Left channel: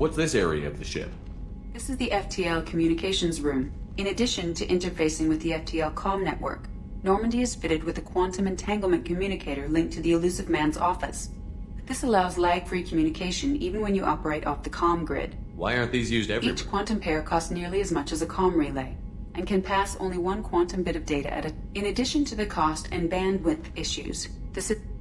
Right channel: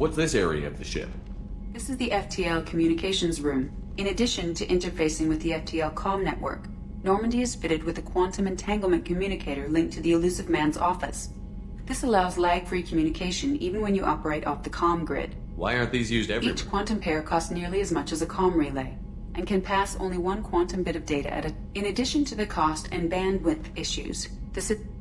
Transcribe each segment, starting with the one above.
What's this area of the ship? This is the FTL communications room. In addition to interfacing with the FTL comm network, Normandy is fitted with a quantum entanglement communicator linked to the Elusive Man's office. This allows lag-free communication even when you operate off the comm grid. Why aren't these used everywhere? Each quantum pair costs nearly as much as a comm relay, and can pass only one quantum bit of data at a... In addition to the cost and bandwidth issues,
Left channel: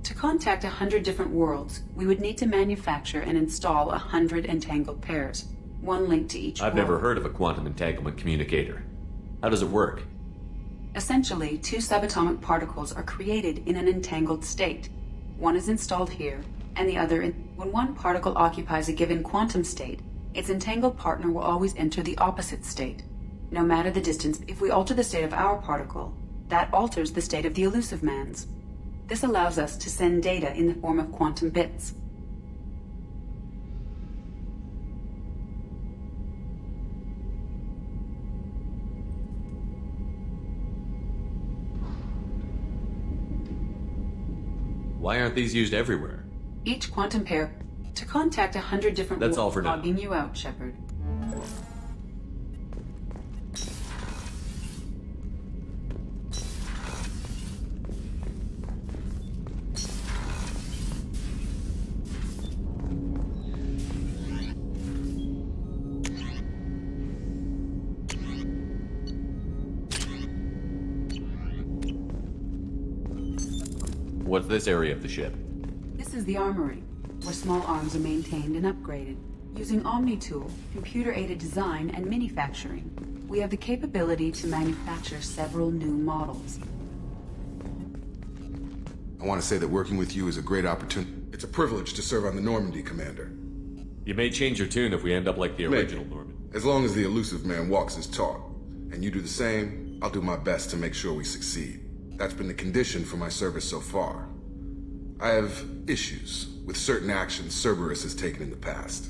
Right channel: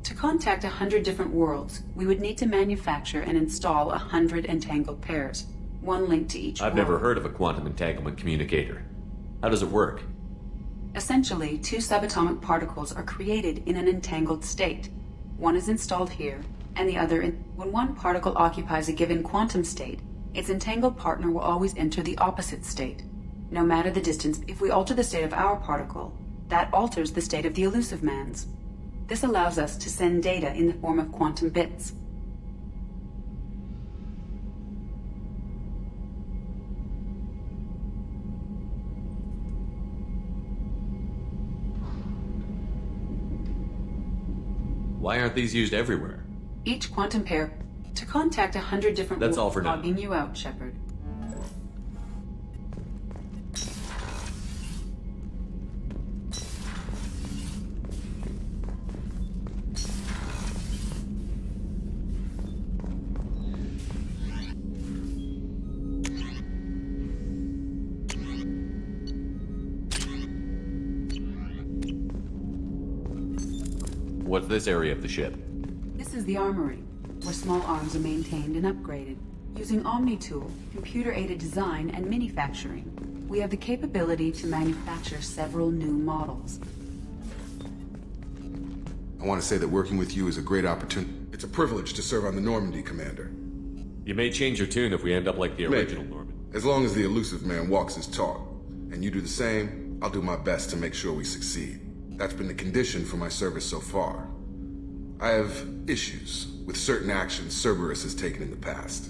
to contact 100 different worlds, we would need to manufacture and install 100 entangled pairs, one linked to each I've world. never heard of a quantum entanglement communicator. How does it work? Essentially, two subatomic particles are created in an entangled state. One is installed here, and the other in... When one particle occupies a given quantum state, its entangled partner will always enter the opposite state. No matter the distance, if we alter the state of our particle, that alters the state of the Elusive Man's. This allows us to send data in the form of quantum bits. Why aren't these used everywhere? Each quantum pair to contact 100 different That's all for now. Logging you out, Shepard. What's this area of the ship? This is the armory, where small arms are maintained and upgraded. Using Omni-Tool, computer-aided design, and manufacturing, we have the capability to manufacture several new models. I want to say that working with you is a great opportunity. It's a privilege to serve on the Normandy, Commander. You may change your tune if we end up like the Maybe. original Norman. As long as the Elusive Man walks his talk, and you do the same, I'll do my best to make sure we succeed. That's been the condition for my service so far. I have issues with certain actions Cerberus has taken in the past.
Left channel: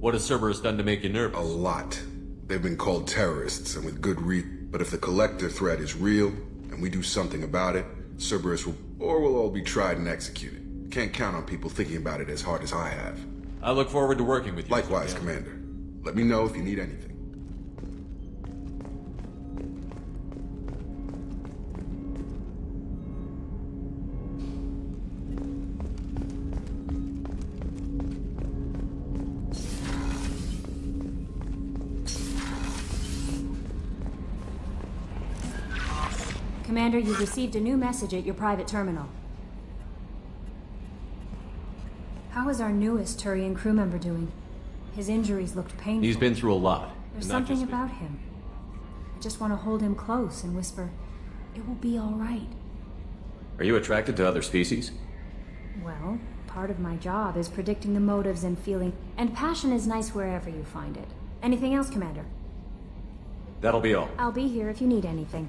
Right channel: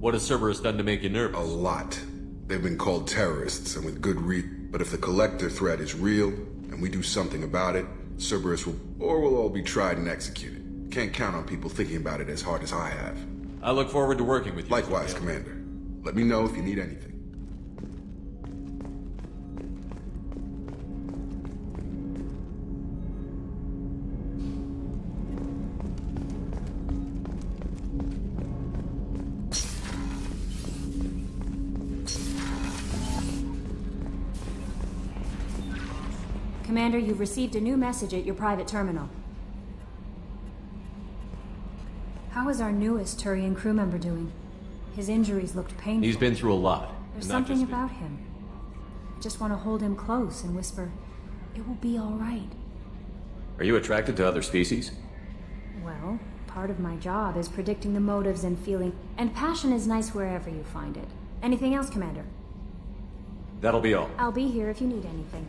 What has Cerberus done to make you nervous? A lot. They've been called terrorists, and with good reason. But if the Collector threat is real, and we do something about it, Cerberus will... or we'll all be tried and executed. Can't count on people thinking about it as hard as I have. I look forward to working with you. Likewise, Commander. Let me know if you need anything. Commander, you've received a new message at your private terminal. How is our newest Turian crew member doing? His injuries looked painful. He's been through a lot. There's something about him. I just want to hold him close and whisper, "It will be all right." Are you attracted to other species? Well, part of my job is predicting the motives and feeling, and passion is nice wherever you find it. Anything else, Commander? That'll be all. I'll be here if you need anything.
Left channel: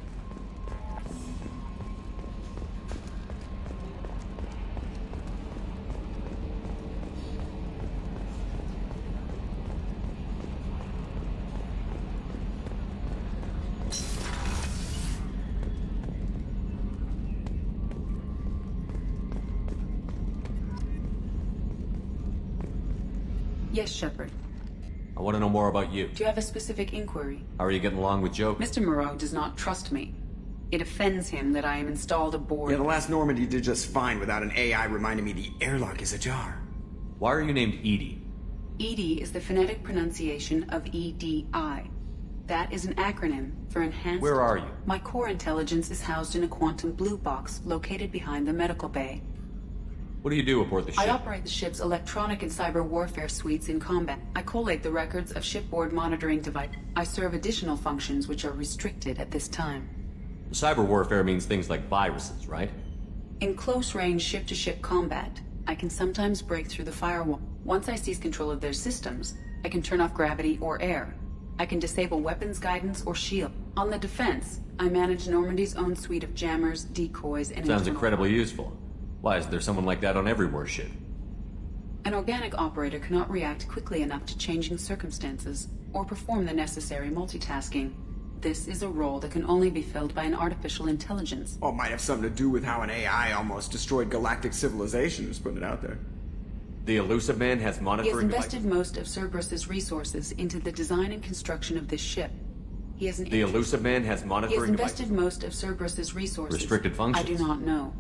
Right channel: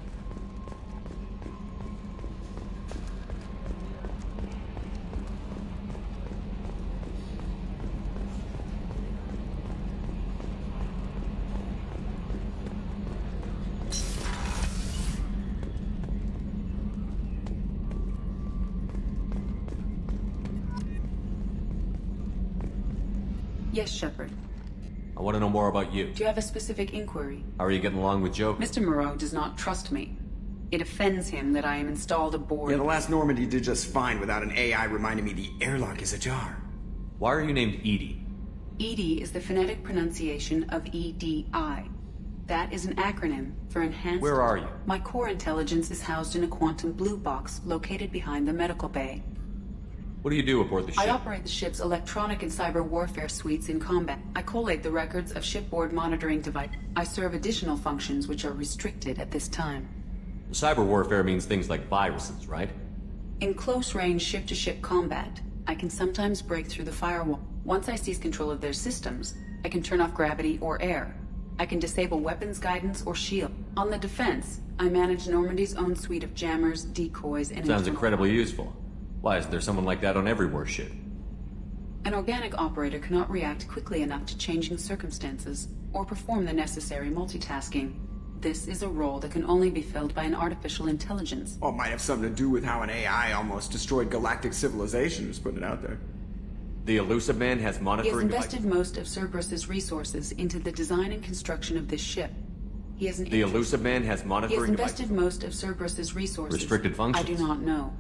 Yes, Shepard. I want to know more about you. Do you have a specific inquiry? How are you getting along with Joker? Mr. Moreau does not trust me. It offends him that I am installed aboard. Yeah, the last Normandy did just fine without an AI reminding me the airlock is ajar. Why are you named Edie? EDI is the phonetic pronunciation of EDI. That is an acronym for Enhanced... Where are you? My core intelligence is housed in a quantum blue box located behind the medical bay. What do you do aboard the ship? I operate the ship's electronic and cyber warfare suites in combat. I collate the records of shipboard monitoring device. I serve additional functions which are restricted at this time. Cyber warfare means things like viruses, right? In close-range ship-to-ship combat, I can sometimes break through the firewall. Once I seize control of their systems, I can turn off gravity or air. I can disable weapons guidance or shield. On the defense, I manage Normandy's own suite of jammers, decoys, and... Sounds incredibly useful. Why isn't there someone like that on every warship? An organic operator cannot react quickly enough to changing circumstances or perform the necessary multitasking. This is a role that can only be filled by an artificial intelligence. Well, it might have something to do with how an AI almost destroyed galactic civilization, just putting it out there. The Elusive Man has He has monitoring invested most of Cerberus's resources into the design and construction of this ship. He has an The interest- Elusive Man has He has monitoring invested devices. most of Cerberus's resources. Restricted functions. I do not know.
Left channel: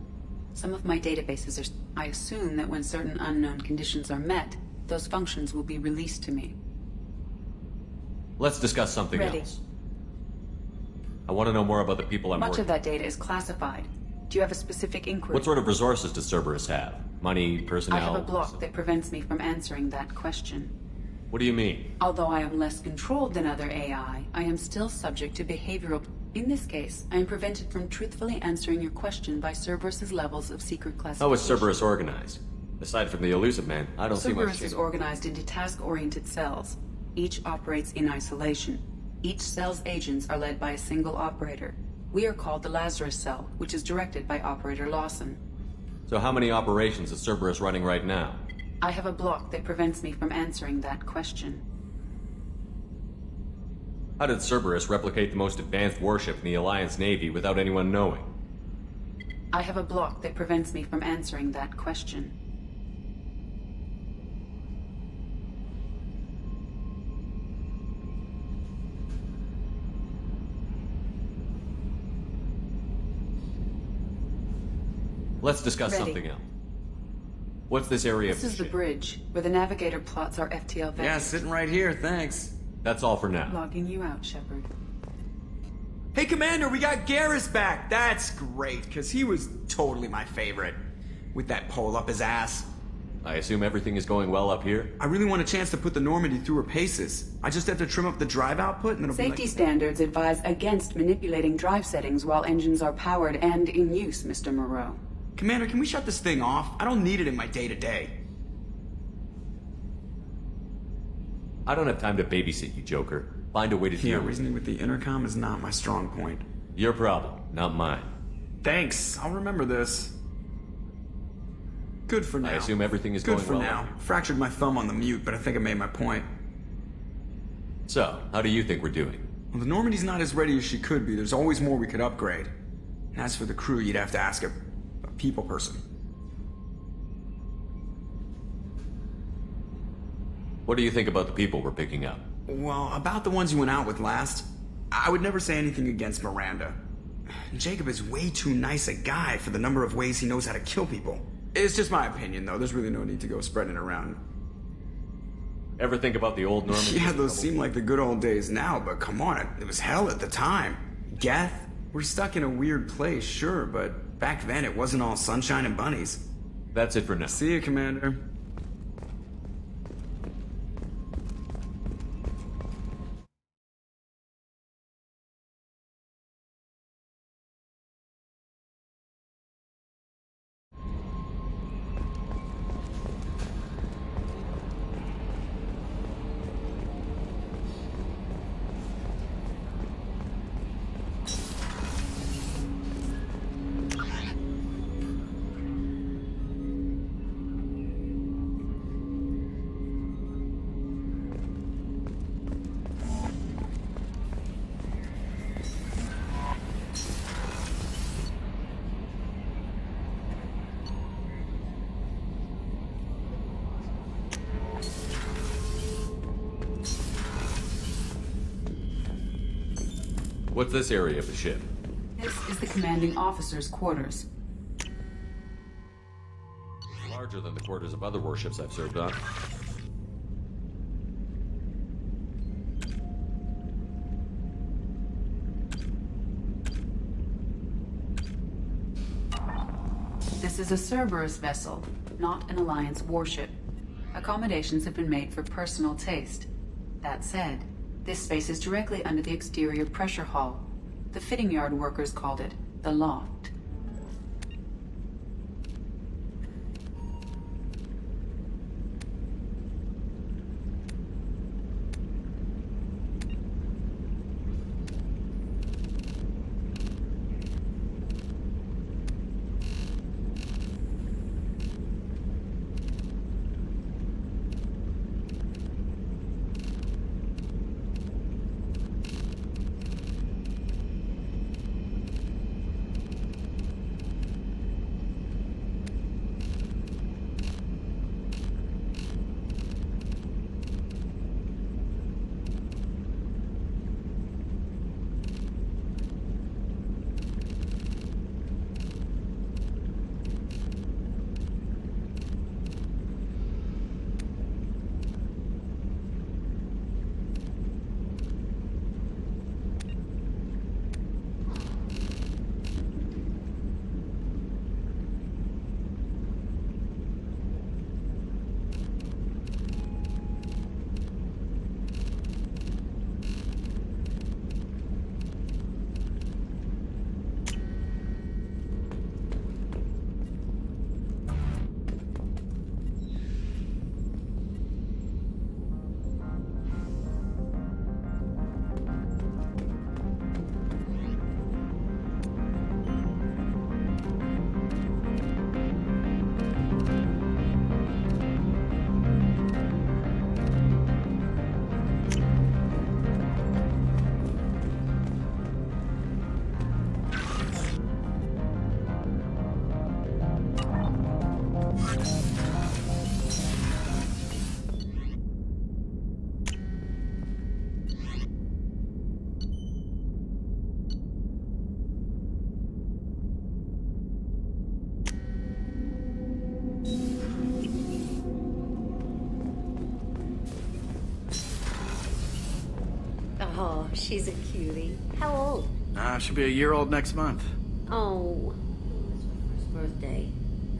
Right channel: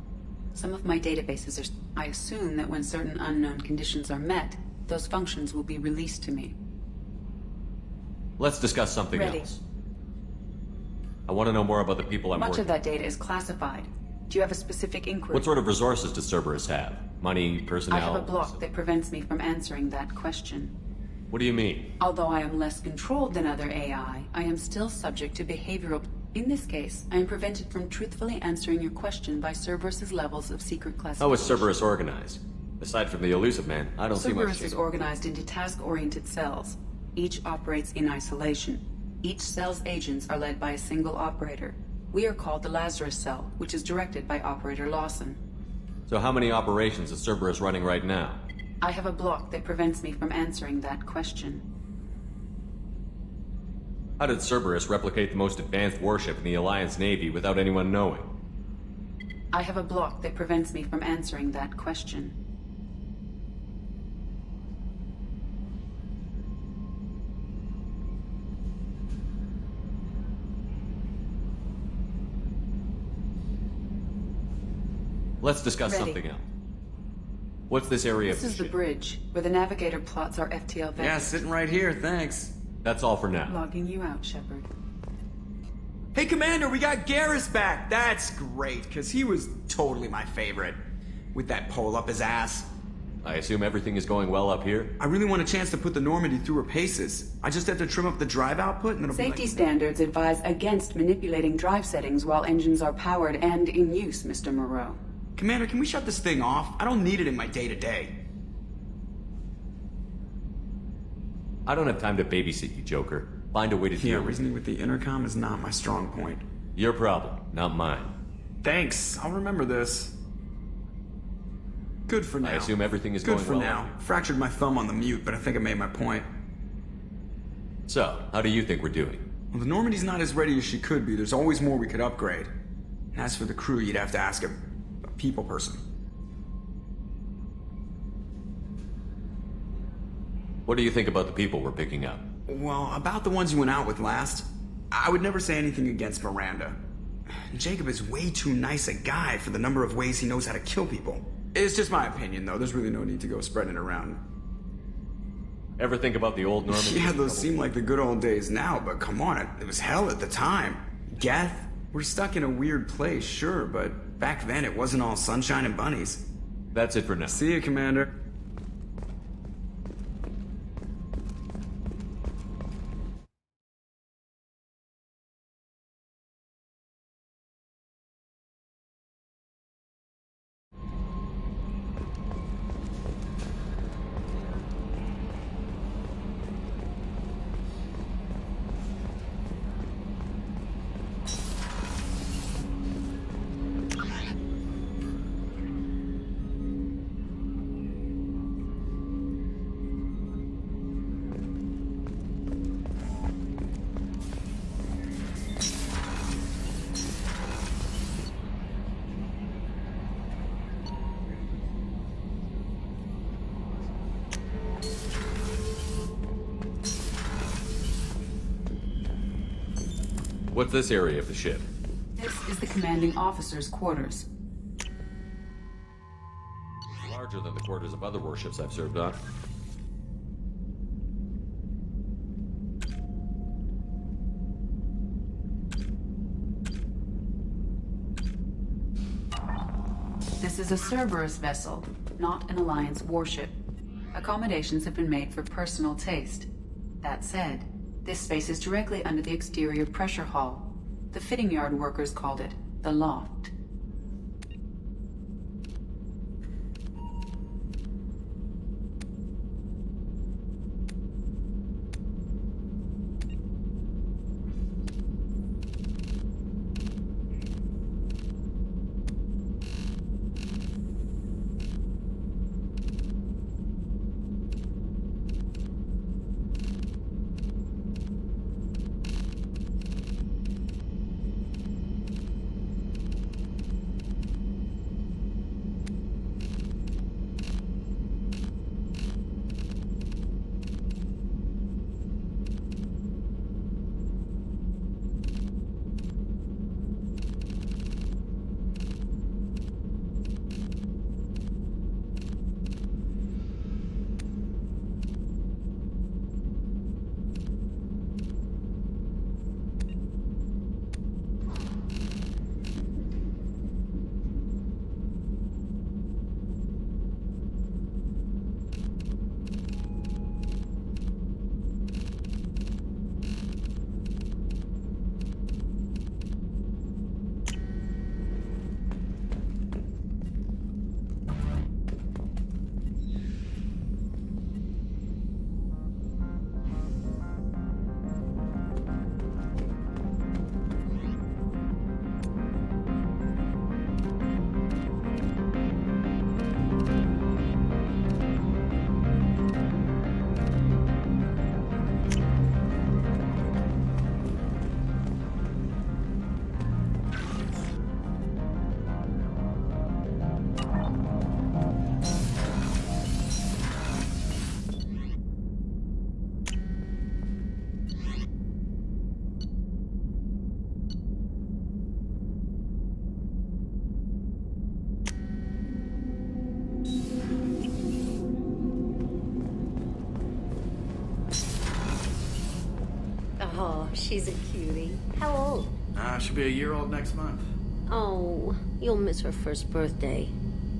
Some of my databases are... I assume that when certain unknown conditions are met, those functions will be released to me. Let's discuss something Ready. else. I want to know more about the people I'm Much working of that data is classified. Do you have a specific inquiry? What sort of resources does Cerberus have? Money, personnel? I have a block that prevents me from answering that question. What do you mean? Although I am less controlled than other AI, I am still subject to behavioral... In this case, I am prevented from truthfully answering your question by Cerberus's levels of secret classification. How is Cerberus organized? Aside from the Elusive Man, I don't see much Cerberus is change. organized into task-oriented cells. Each operates in isolation. Each cell's agents are led by a single operator. We are called the Lazarus Cell, which is directed by Operator Lawson. So how many operations is Cerberus running right now? I have a block that prevents me from answering that question. How did Cerberus replicate the most advanced warship in the Alliance Navy without anyone knowing? I have a block that prevents me from answering that question. Let's discuss Ready. something else. What's this area This of is the the ship? bridge, where the navigator plots our FTL vectors. Yeah, sitting right here, thanks. That's all for now. Logging you out, Shepard. Hey, Commander, we got Garrus back! That's great, because he was totally my favorite. With that pole up his ass. I assume everything is going well up here? I really want a chance to put the Normandy through her paces. I just have to trim up the drive output and it'll Safety be like... standards advise against manipulating drive settings while engines are powered and in use, Mr. Moreau. Commander, can we shut this thing off? I don't need it in my day-to-day. I don't have time to babysit you, Joker. Find a way to Yeah, deal with it. reasoning with the intercom is not my strong point. Your problem, not mine. Thanks, I'll remember this. Good for now. I assume everything is Good going for well now. up here. Fractured my thumb on the mute, but I think I made my point. So, how do you think we're doing? Well, the Normandy's not as ready as she could be. There's always more we could upgrade. And as for the crew, you'd have to ask a people person. What do you think about the people we're picking up? Well, about the ones you went out with last, I would never say anything against Miranda. Jacob is way too nice a guy for the number of ways he knows how to kill people. It's just my opinion, though. There's really no need to go spreading it around. Ever think about the old Normandy? Yeah, those seem like the good old days now, but come on, it was hell at the time. Geth, we're stuck in a weird place, sure, but back then it wasn't all sunshine and bunnies. That's it for now. See you, Commander. What's this area of the ship? This is the commanding officer's quarters. Larger than the quarters of other warships I've served on. This is a Cerberus vessel, not an Alliance warship. Accommodations have been made for personal taste. That said, this space is directly under the exterior pressure hull. The fitting yard workers called it the loft. She's a cutie. How old? She'll be a year old next month. Oh, you'll miss her first birthday.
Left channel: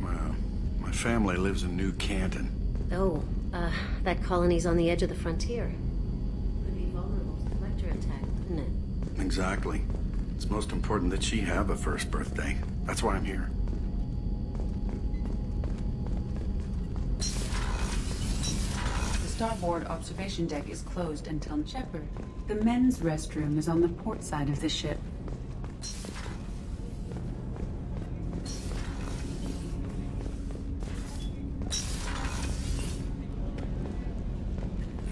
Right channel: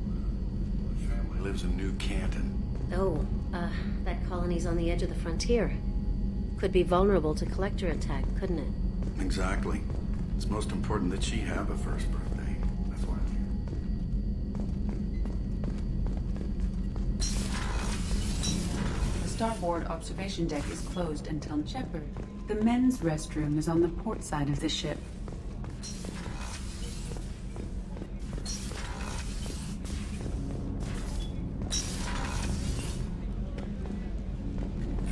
Well, my family lives in New Canton. Oh, that colony's on the edge of the frontier. Could be vulnerable to collector attack, couldn't it? Exactly. It's most important that she have a first birthday. That's why I'm here. The starboard observation deck is closed until Shepard. The men's restroom is on the port side of the ship.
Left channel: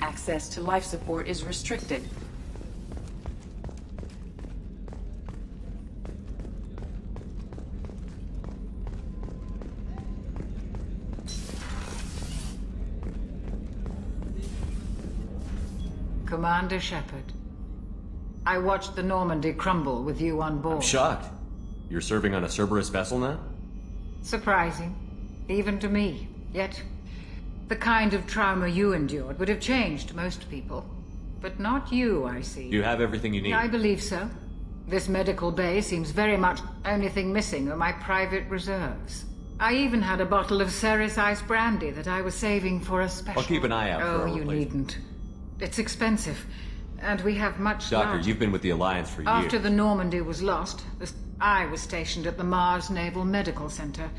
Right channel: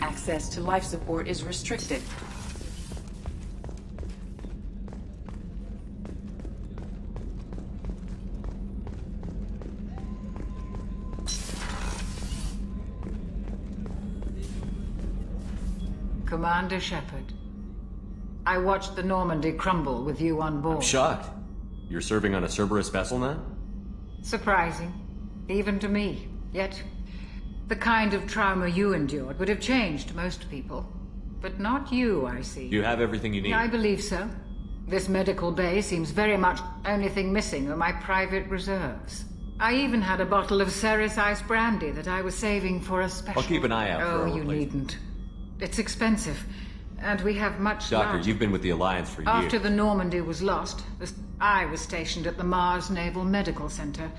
Access to life support is restricted. Commander Shepard, I watched the Normandy crumble with you on board. I'm shocked. You're serving on a Cerberus vessel now? Surprising, even to me. Yet, the kind of trauma you endured would have changed most people. But not you, I see. You have everything you need. I believe so. This medical bay seems very much only thing missing are my private reserves. I even had a bottle of Ceres Ice brandy that I was saving for a special... I'll keep an eye out for a Oh, you replacement. needn't. It's expensive, and we have much Doctor, larger... you've been with the Alliance for years. After the Normandy was lost, I was stationed at the Mars Naval Medical Center.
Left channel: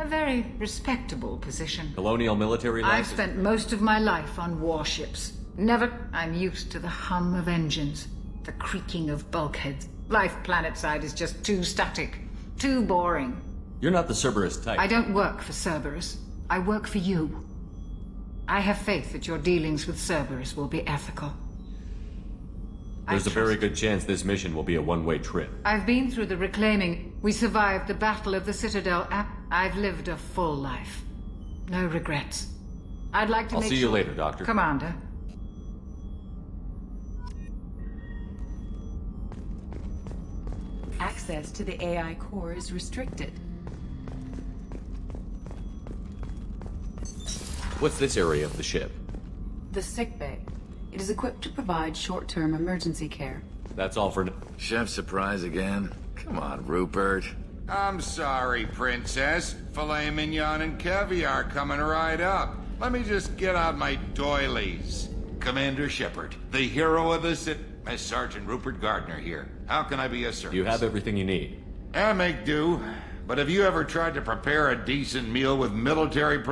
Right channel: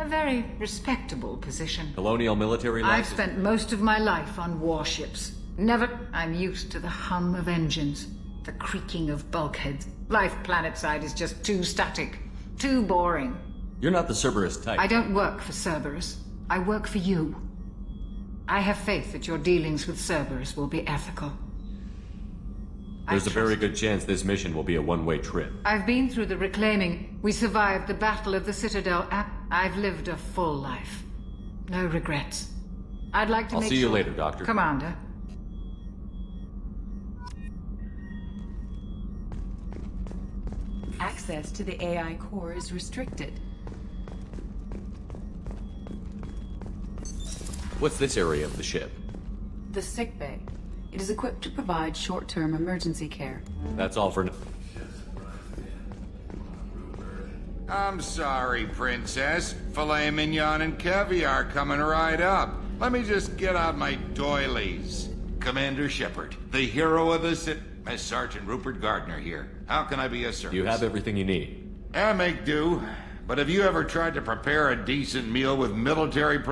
A very respectable position. Colonial military life I've spent most of my life on warships. I'm used to the hum of engines, the creaking of bulkheads. Life planetside is just too static, too boring. You're not the Cerberus type. I don't work for Cerberus. I work for you. I have faith that your dealings with Cerberus will be ethical. There's a very good chance this mission will be a one-way trip. I've been through the reclaiming. We survived the Battle of the Citadel. I've lived a full life. No regrets. I'd like to I'll make see you sure... later, Doctor. Commander. Access to the AI core is restricted. What's this area of the ship? The sick bay. It is equipped to provide short-term emergency care. That's all for now. Chef surprise again? Come on, Rupert. I'm sorry, Princess. Filet mignon and caviar coming right up. Let me just get out my doilies. Commander Shepard, the hero of the Sergeant Rupert Gardner here. How can I be of service? You have everything you need. I make do. But have you ever tried to prepare a decent meal with military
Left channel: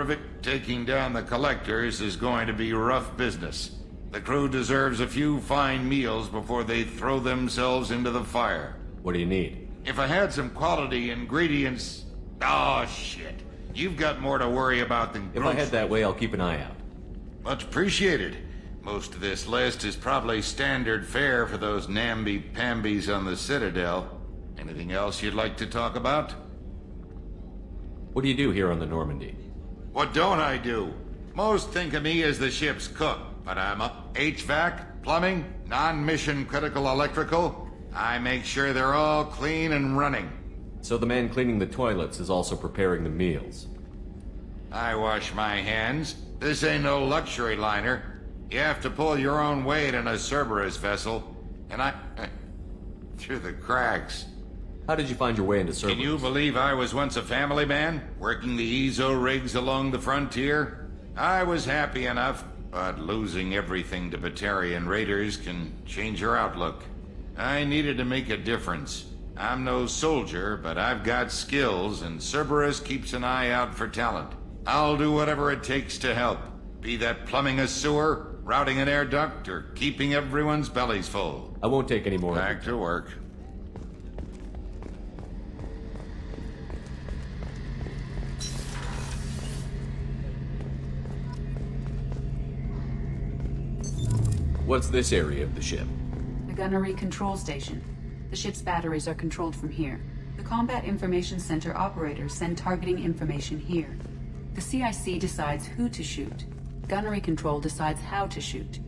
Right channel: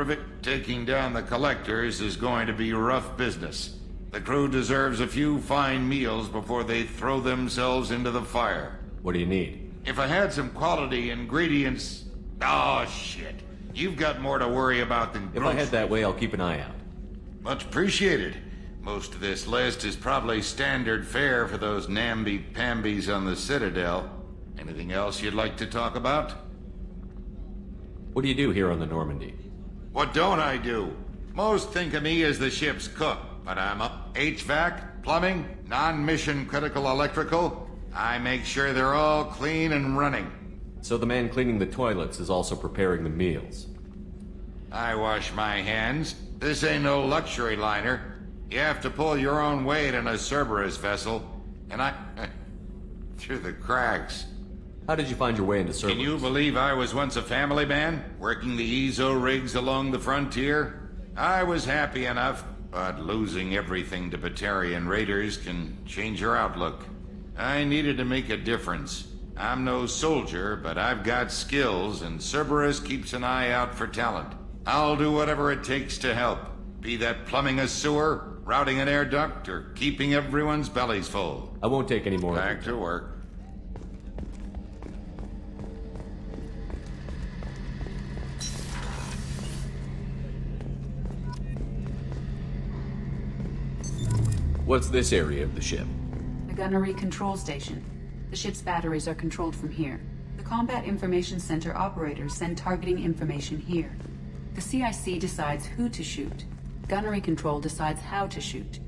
taking down the collectors is going to be rough business. The crew deserves a few fine meals before they throw themselves into the fire. What do you need? If I had some quality ingredients... Oh, shit. You've got more to worry about than If I head that way, I'll keep an eye out. Much appreciated. Most of this list is probably standard fare for those namby-pambies on the Citadel. Anything else you'd like to talk about? What do you do here on the Normandy? What don't I do? Most think of me as the ship's cook, but I'm up HVAC, plumbing, non-mission critical electrical. I make sure they're all clean and running. So the man cleaning the toilets is also preparing the meals. I wash my hands. This ain't no luxury liner. You have to pull your own weight in a Cerberus vessel, and I... through the cracks. How did you find your way into Cerberus? Can you believe I was once a family man, working the EZO rigs along the frontier? I was happy enough, but losing everything to Batarian raiders can change your outlook. I needed to make a difference. I'm no soldier, but I've got skills, and Cerberus keeps an eye out for talent. I'll do whatever it takes to help, be that plumbing a sewer, routing an air duct, or keeping everyone's bellies full. I won't take any more. Back to work. What's this area of the ship? The gunnery control station. The ship's batteries are controlled from here. The Combat Information Center operators send targeting information here. The CIC decides who to shoot. Gunnery control decides how to shoot.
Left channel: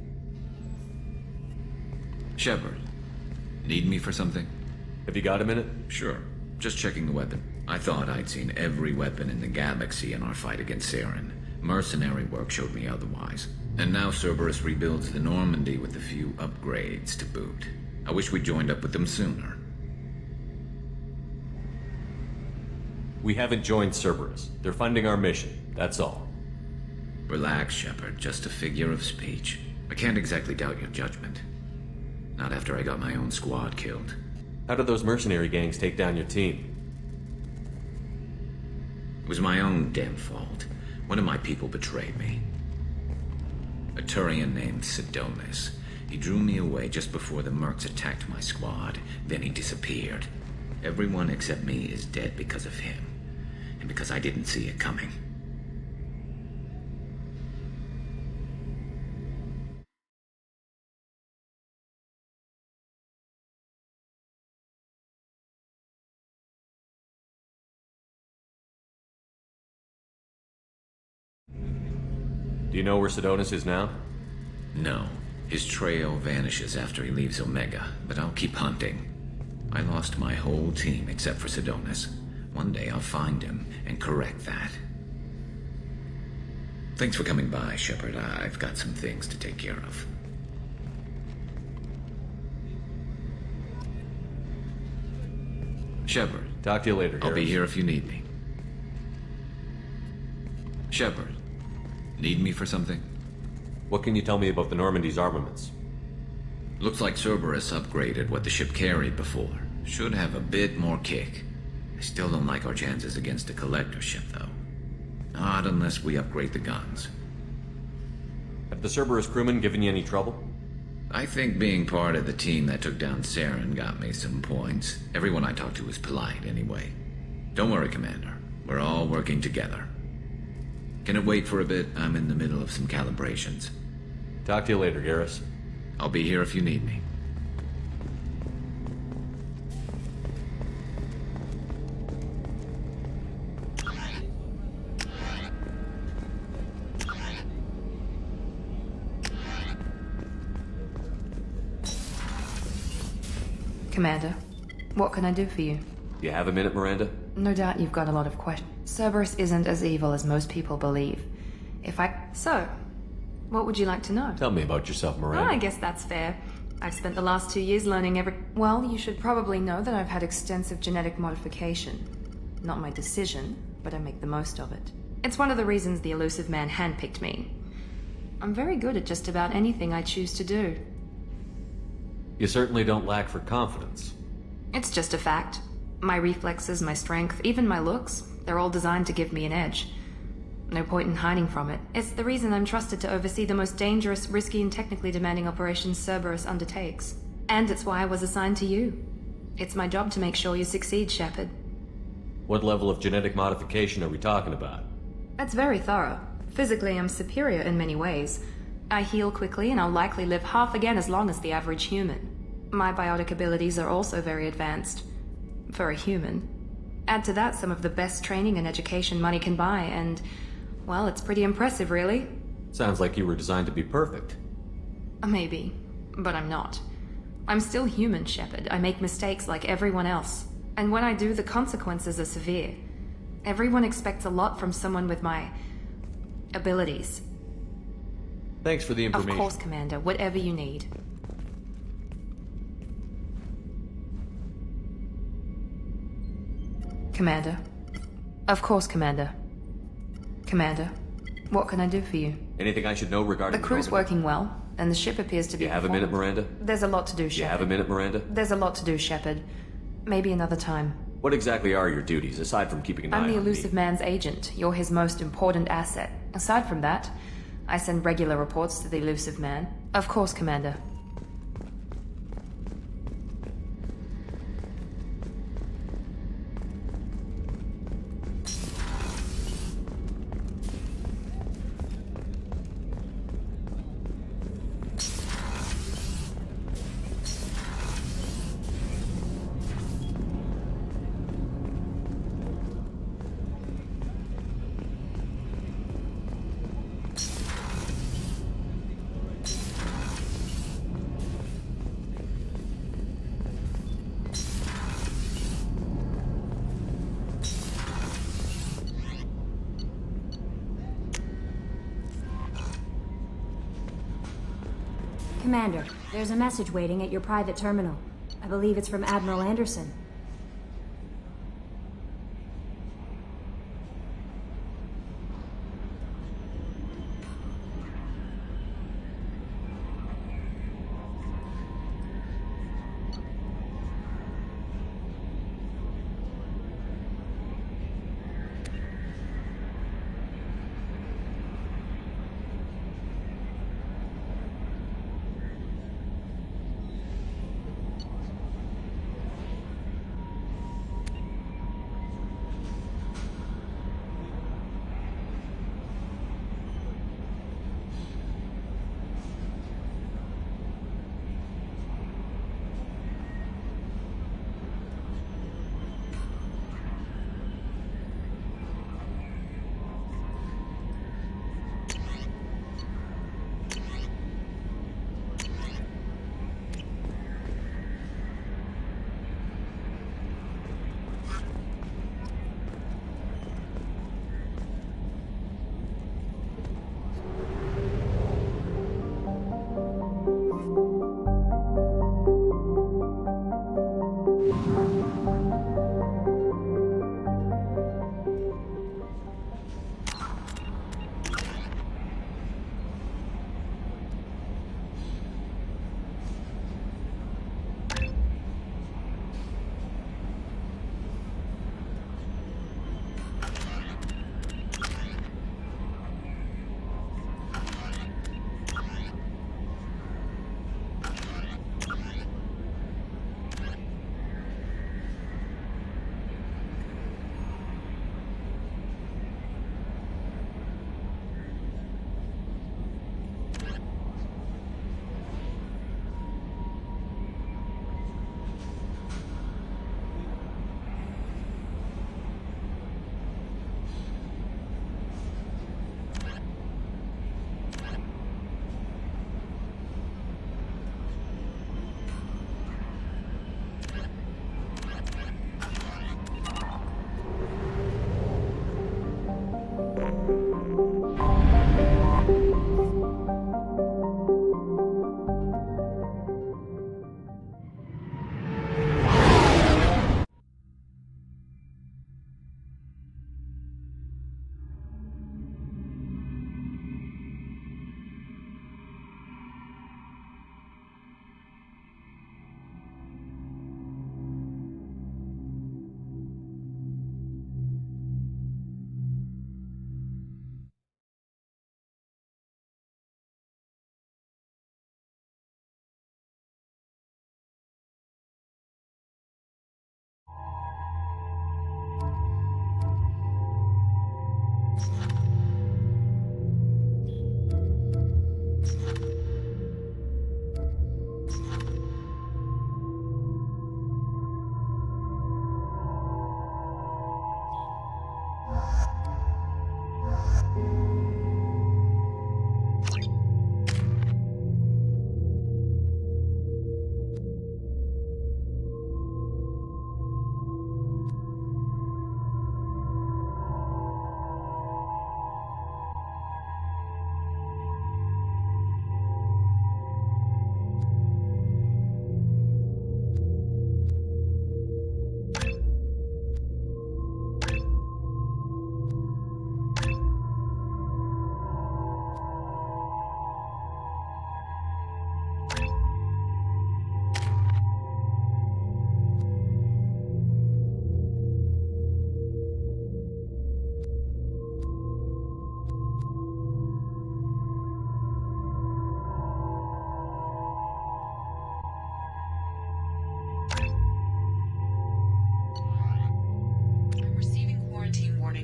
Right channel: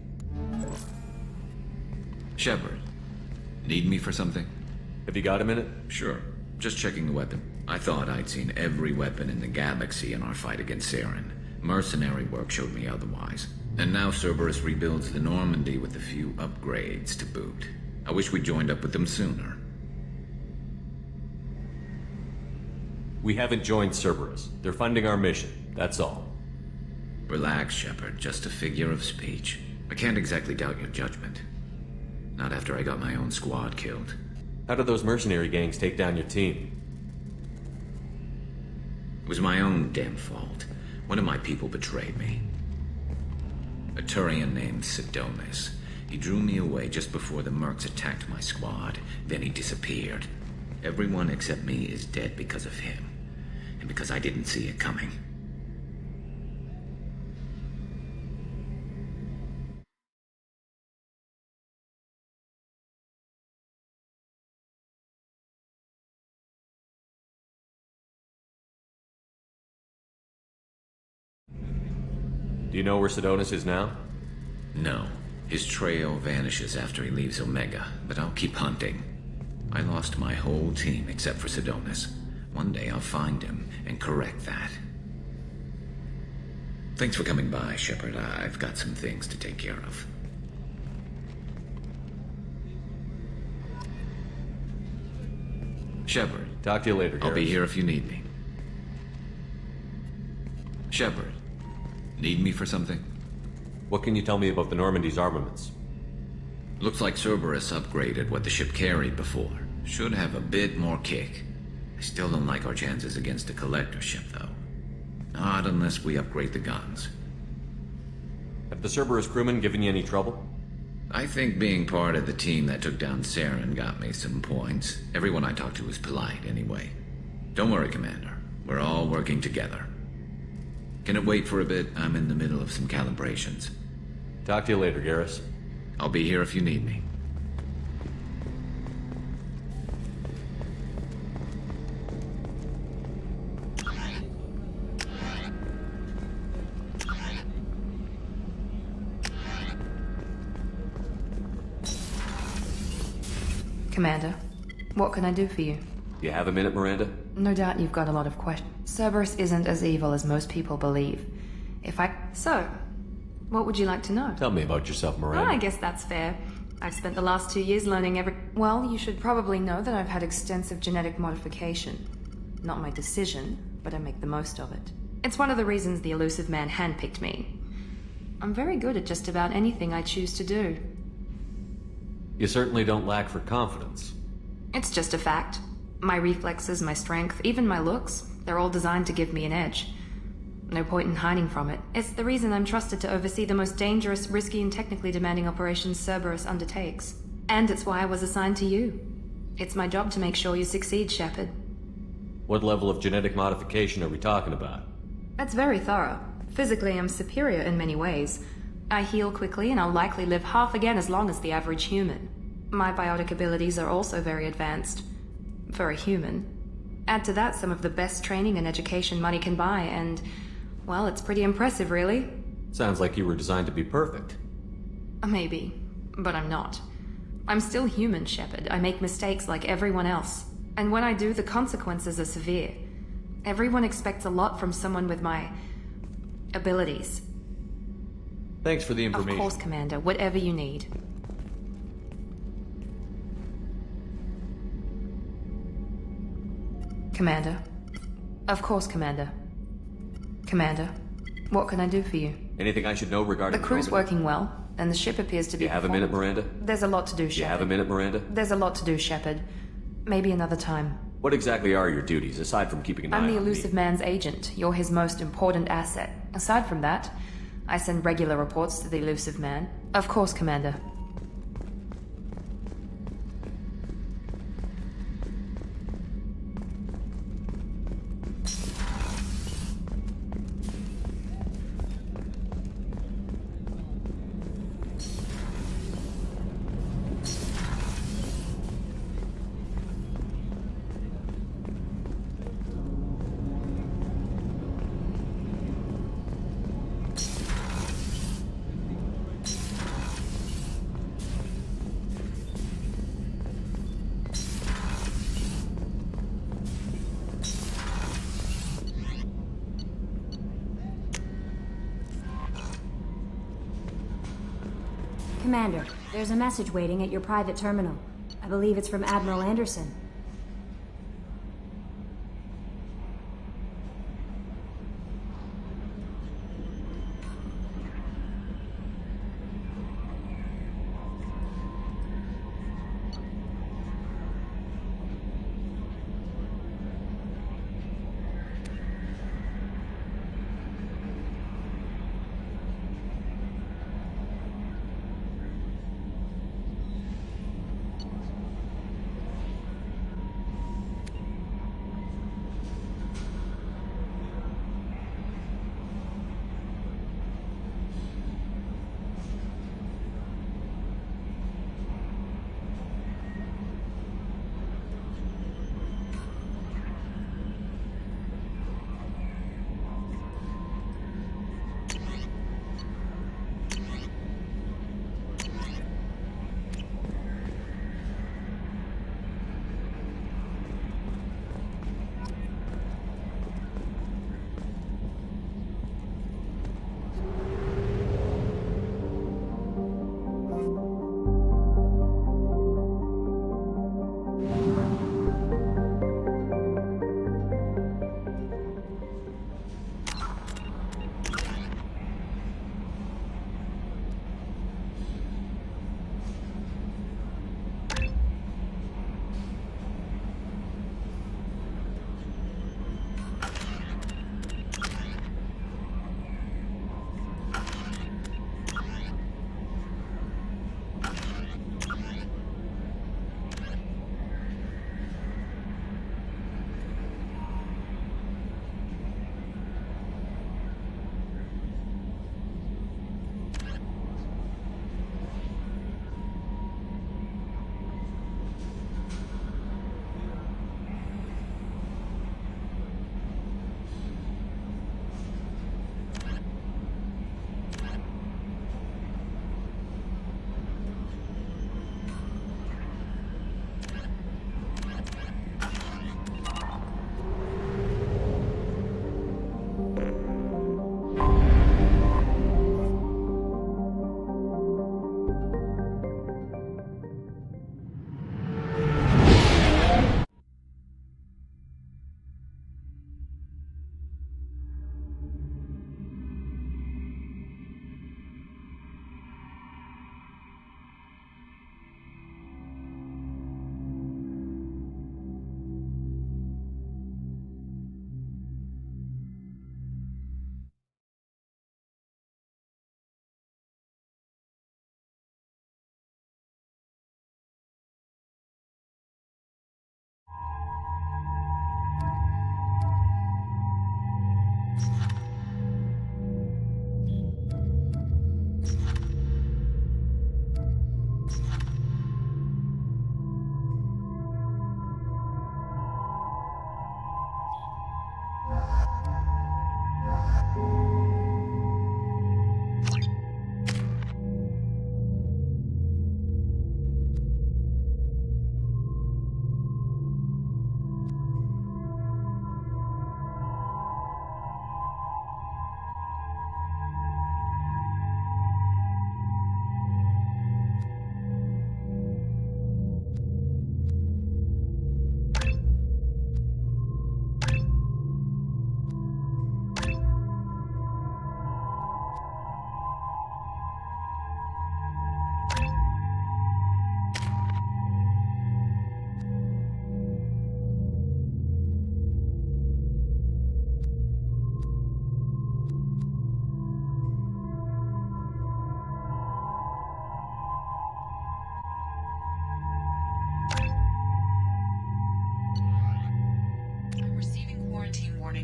Shepard, need me for something? Have you got a minute? Sure. Just checking the weapon. I thought I'd seen every weapon in the galaxy in our fight against Saren. Mercenary work showed me otherwise. And now Cerberus rebuilds the Normandy with a few upgrades to boot. I wish we'd joined up with them sooner. We haven't joined Cerberus. They're funding our mission, that's all. Relax, Shepard. Just a figure of speech. I can't exactly doubt your judgment. Not after I got my own squad killed. How did those mercenary gangs take down your team? It was my own damn fault. One of my people betrayed me. A Turian named Sidonis. He drew me away just before the mercs attacked my squad. Then he disappeared. Everyone except me is dead because of him. And because I didn't see it coming. Do you know where Sidonis is now? No. His trail vanishes after he leaves Omega, but I'll keep hunting. I lost my whole team except for Sidonis. One day I'll find him and correct that. Thanks for coming by, Shepard. I've got some things to take care of. Shepard. Talk to you later, I'll be Garrus. here if you need me. Shepard. Need me for something? What can you tell me about the Normandy's armaments? Looks like Cerberus upgraded what the ship carried before. Should have a bit more kick. I still don't like our chances against a collector ship, though. Not unless we upgrade the guns. Have the Cerberus crewmen given you any trouble? I think being part of the team that took down Saren got me some points. Everyone I talked to was polite, anyway. Don't worry, Commander. We're all working together. Can it wait for a bit? I'm in the middle of some calibrations. Talk to you later, Garrus. I'll be here if you need me. Commander, what can I do for you? Do you have a minute, Miranda? No doubt you've got a lot of questions. Cerberus isn't as evil as most people believe. So, what would you like to know? Tell me about yourself, Miranda. I guess that's fair. I've spent the last 2 years learning Well, you should probably know that I've had extensive genetic modification. Not my decision, but I make the most of it. It's one of the reasons the elusive man handpicked me. I'm very good at just about anything I choose to do. You certainly don't lack for confidence. It's just a fact. My reflexes, my strength, even my looks, they're all designed to give me an edge. No point in hiding from it. It's the reason I'm trusted to oversee the most dangerous, risky, and technically demanding operations Cerberus undertakes. And it's why I was assigned to you. It's my job to make sure you succeed, Shepard. What level of genetic modification are we talking about? That's very thorough. Physically, I'm superior in many ways. I heal quickly, and I'll likely live half again as long as the average human. My biotic abilities are also very advanced. For a human. Add to that some of the best training and education money can buy, and, well, it's pretty impressive, really. Sounds like you were designed to be perfect. Maybe, but I'm not. I'm still human, Shepard. I make mistakes like everyone else. And when I do, the consequences are severe. Everyone expects a lot from someone with my abilities. Thanks for the information. Of course, Commander. Whatever you need. Commander. Of course, Commander. Commander, what can I do for you? Anything I should know regarding the crew's Normandy? working well, and the ship appears to be... You have a minute, Miranda? There's a lot to do, Shepard. You have a minute, Miranda? There's a lot to do, Shepard. Maybe another time. What exactly are your duties, aside from keeping an eye on I'm me? the elusive man's agent. You're his most important asset. Aside from that, I send regular reports to the elusive man. Of course, Commander. Commander, there's a message waiting at your private terminal. I believe it's from Admiral Anderson.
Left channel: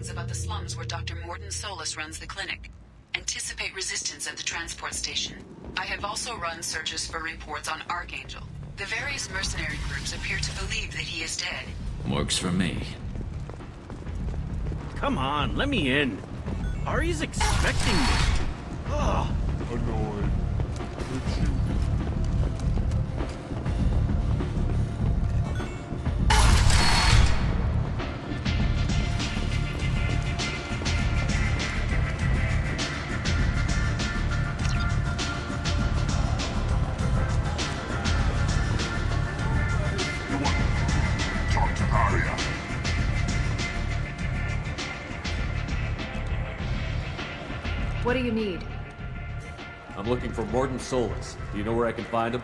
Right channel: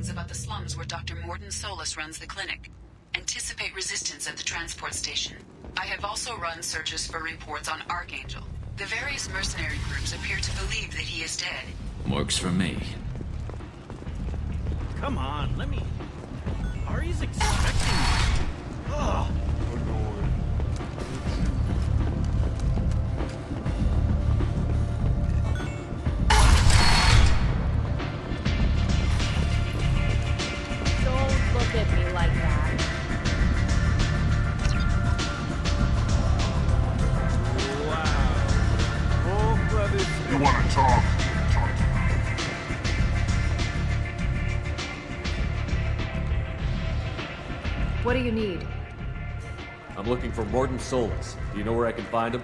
About the slums where Dr. Morton Solus runs the clinic. Anticipate resistance at the transport station. I have also run searches for reports on Archangel. The various mercenary groups appear to believe that he is dead. Works for me. Come on, let me in. Ari's expecting me. Ugh. Annoyed. What do you need? I'm looking for Morden Solus. Do you know where I can find him?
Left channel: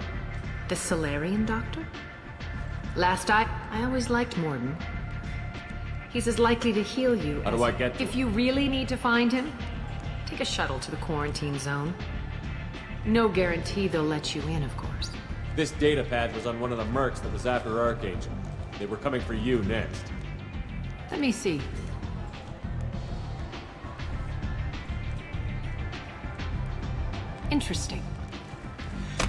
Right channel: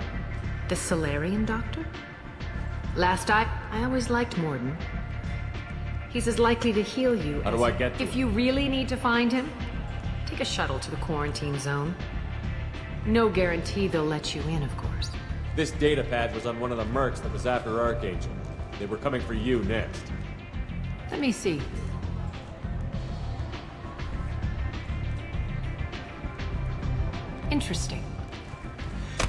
The Solarian doctor? I always liked Morden. He's as likely to heal you How do I get to If him? you really need to find him, take a shuttle to the quarantine zone. No guarantee they'll let you in, of course. This data pad was on one of the mercs that was after Archangel. They were coming for you next. Let me see. Interesting.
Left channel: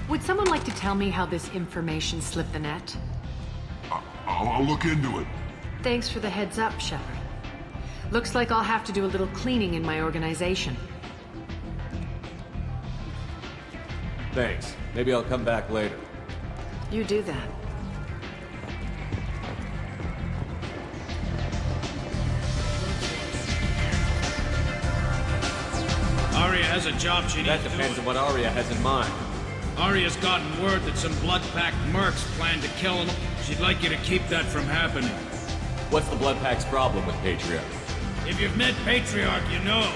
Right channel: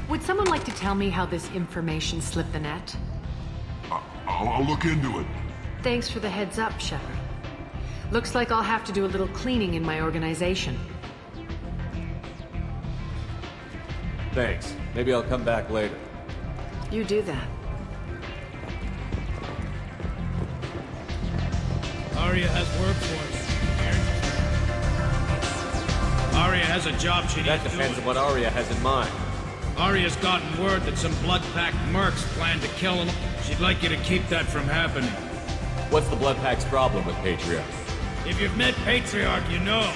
Would someone like to tell me how this information slipped the net? I'll look into it. Thanks for the heads up, Shepard. Looks like I'll have to do a little cleaning in my organization. Thanks. Maybe I'll come back later. You do that. Aria has work for us. Aria has a job she needs That depends on what Aria has in mind. Aria's gotten word that some blood-packed mercs plan to kill him. She'd like you to keep that from happening. What's the Blood Pack's problem with Patriarch? If you've met Patriarch, you know.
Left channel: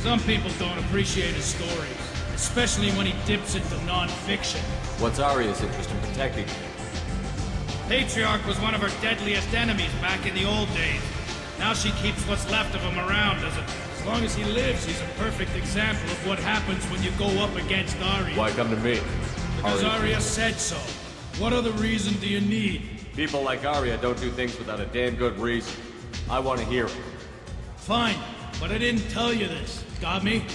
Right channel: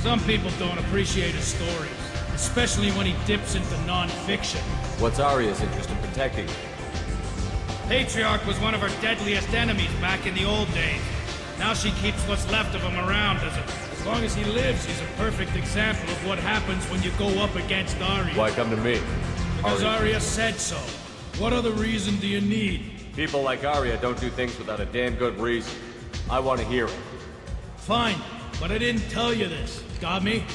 Some people don't appreciate his stories, especially when he dips into non-fiction. What's Aria's interest in protecting him? Patriarch was one of her deadliest enemies back in the old days. Now she keeps what's left of him around as long as he lives, he's a perfect example of what happens when you go up against Aria. Why come to me? Because Aria said so. What other reason do you need? People like Aria don't do things without a damn good reason. I want to hear it. Fine, but I didn't tell you this. Got me?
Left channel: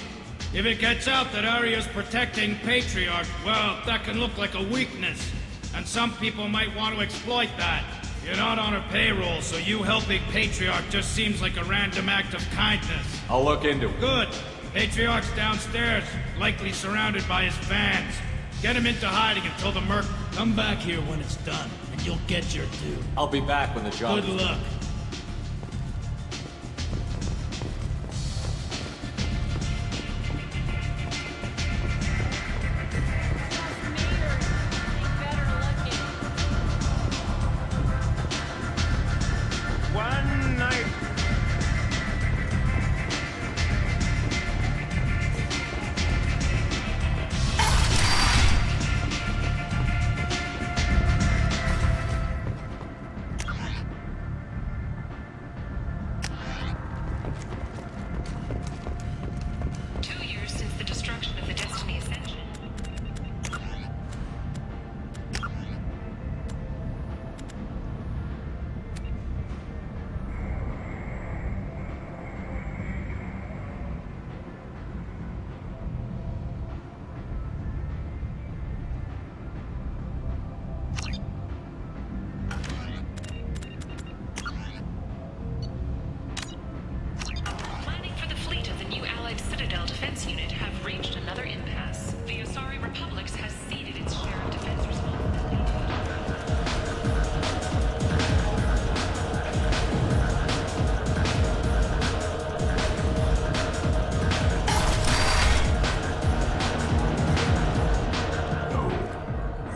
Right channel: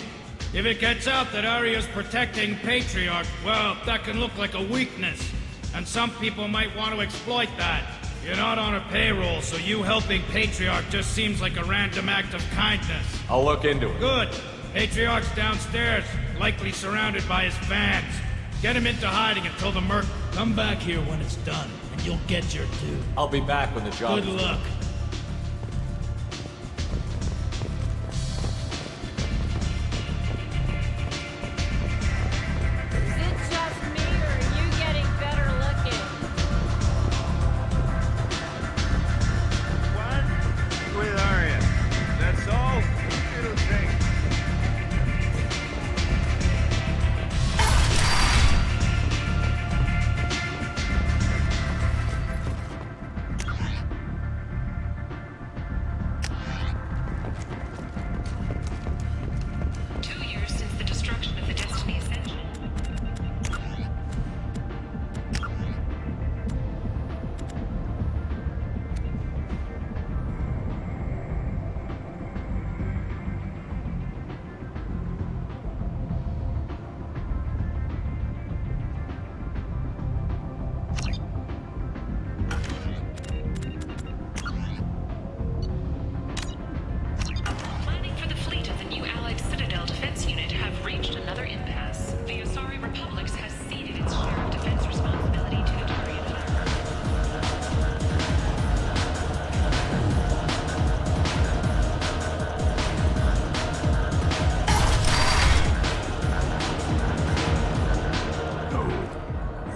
If it gets out that Aria's protecting Patriarch, well, that can look like a weakness. And some people might want to exploit that. You're not on her payroll, so you helping Patriarch just seems like a random act of kindness. I'll look into it. Good. Patriarch's downstairs, likely surrounded by his fans. Get him into hiding until the merc... Come back here when it's done, and you'll get your due. I'll be back when the job Good is luck. done.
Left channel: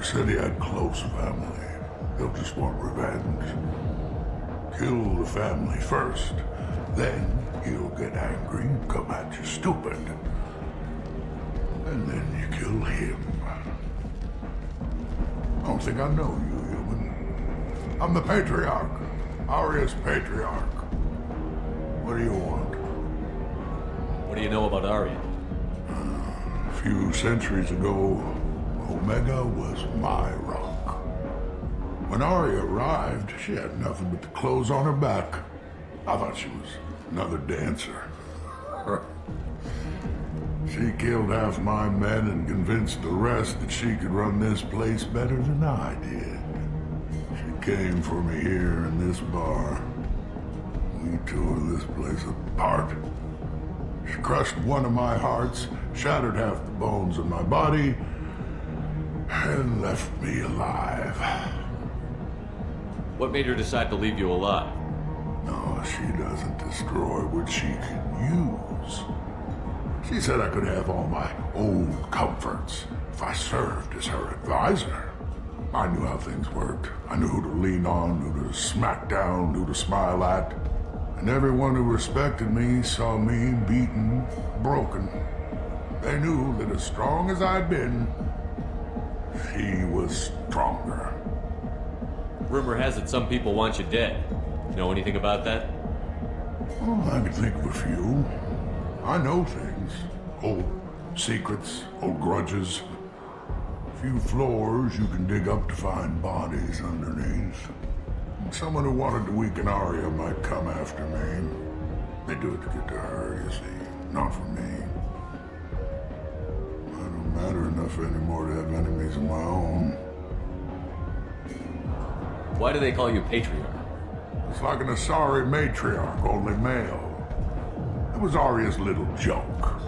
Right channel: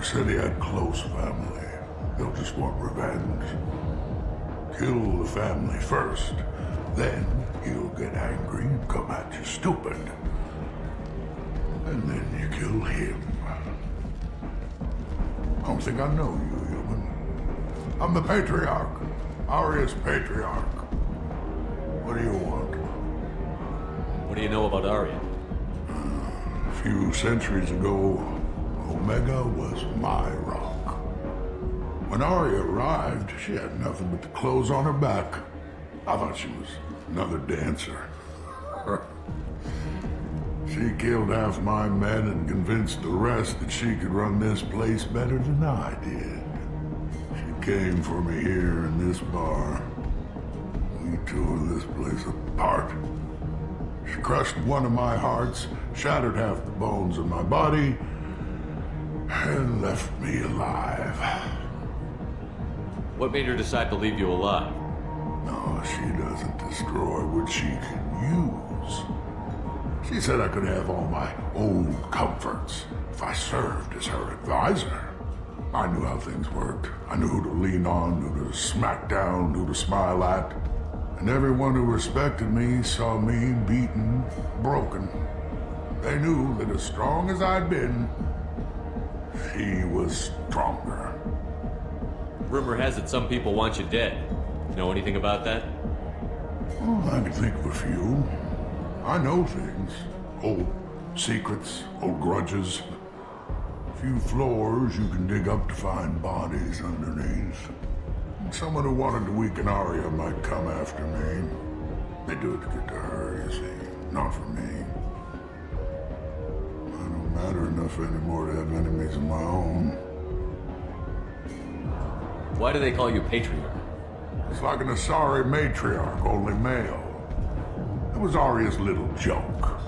Said he had close family. They'll just want revenge. Kill the family first. Then he'll get angry and come at you stupid. And then you kill him. I don't think I know you, human. I'm the Patriarch. Aria's Patriarch. What do you want? What do you know about Aria? A few centuries ago, Omega was my rock. When Aria arrived, she had nothing but the clothes on her back. I thought she was another dancer. She killed half my men and convinced the rest that she could run this place better than I did. She came for me here in this bar. We tore this place apart. She crushed one of my hearts, shattered half the bones in my body, and left me alive. What made her decide to leave you alive? No, she doesn't destroy what she can use. She said I could have all my old comforts if I served as her advisor. I knew how things worked. I knew who to lean on, who to smack down, who to smile at. And everyone who respected me saw me beaten, broken, They knew that as strong as I'd been, she was stronger. Rumor has it some people want you dead. Know anything about that? Oh, I can think of a few. I know things. Old secrets, old grudges. A few floors you can dig up to find bodies underneath. Someone who wanted to weaken Arya might come after me. They do it to get to her, you see, not for me. I don't matter enough anymore to have enemies of my own. Why do they call you Patriarch? It's like an Asari matriarch, only male. It was Arya's little joke.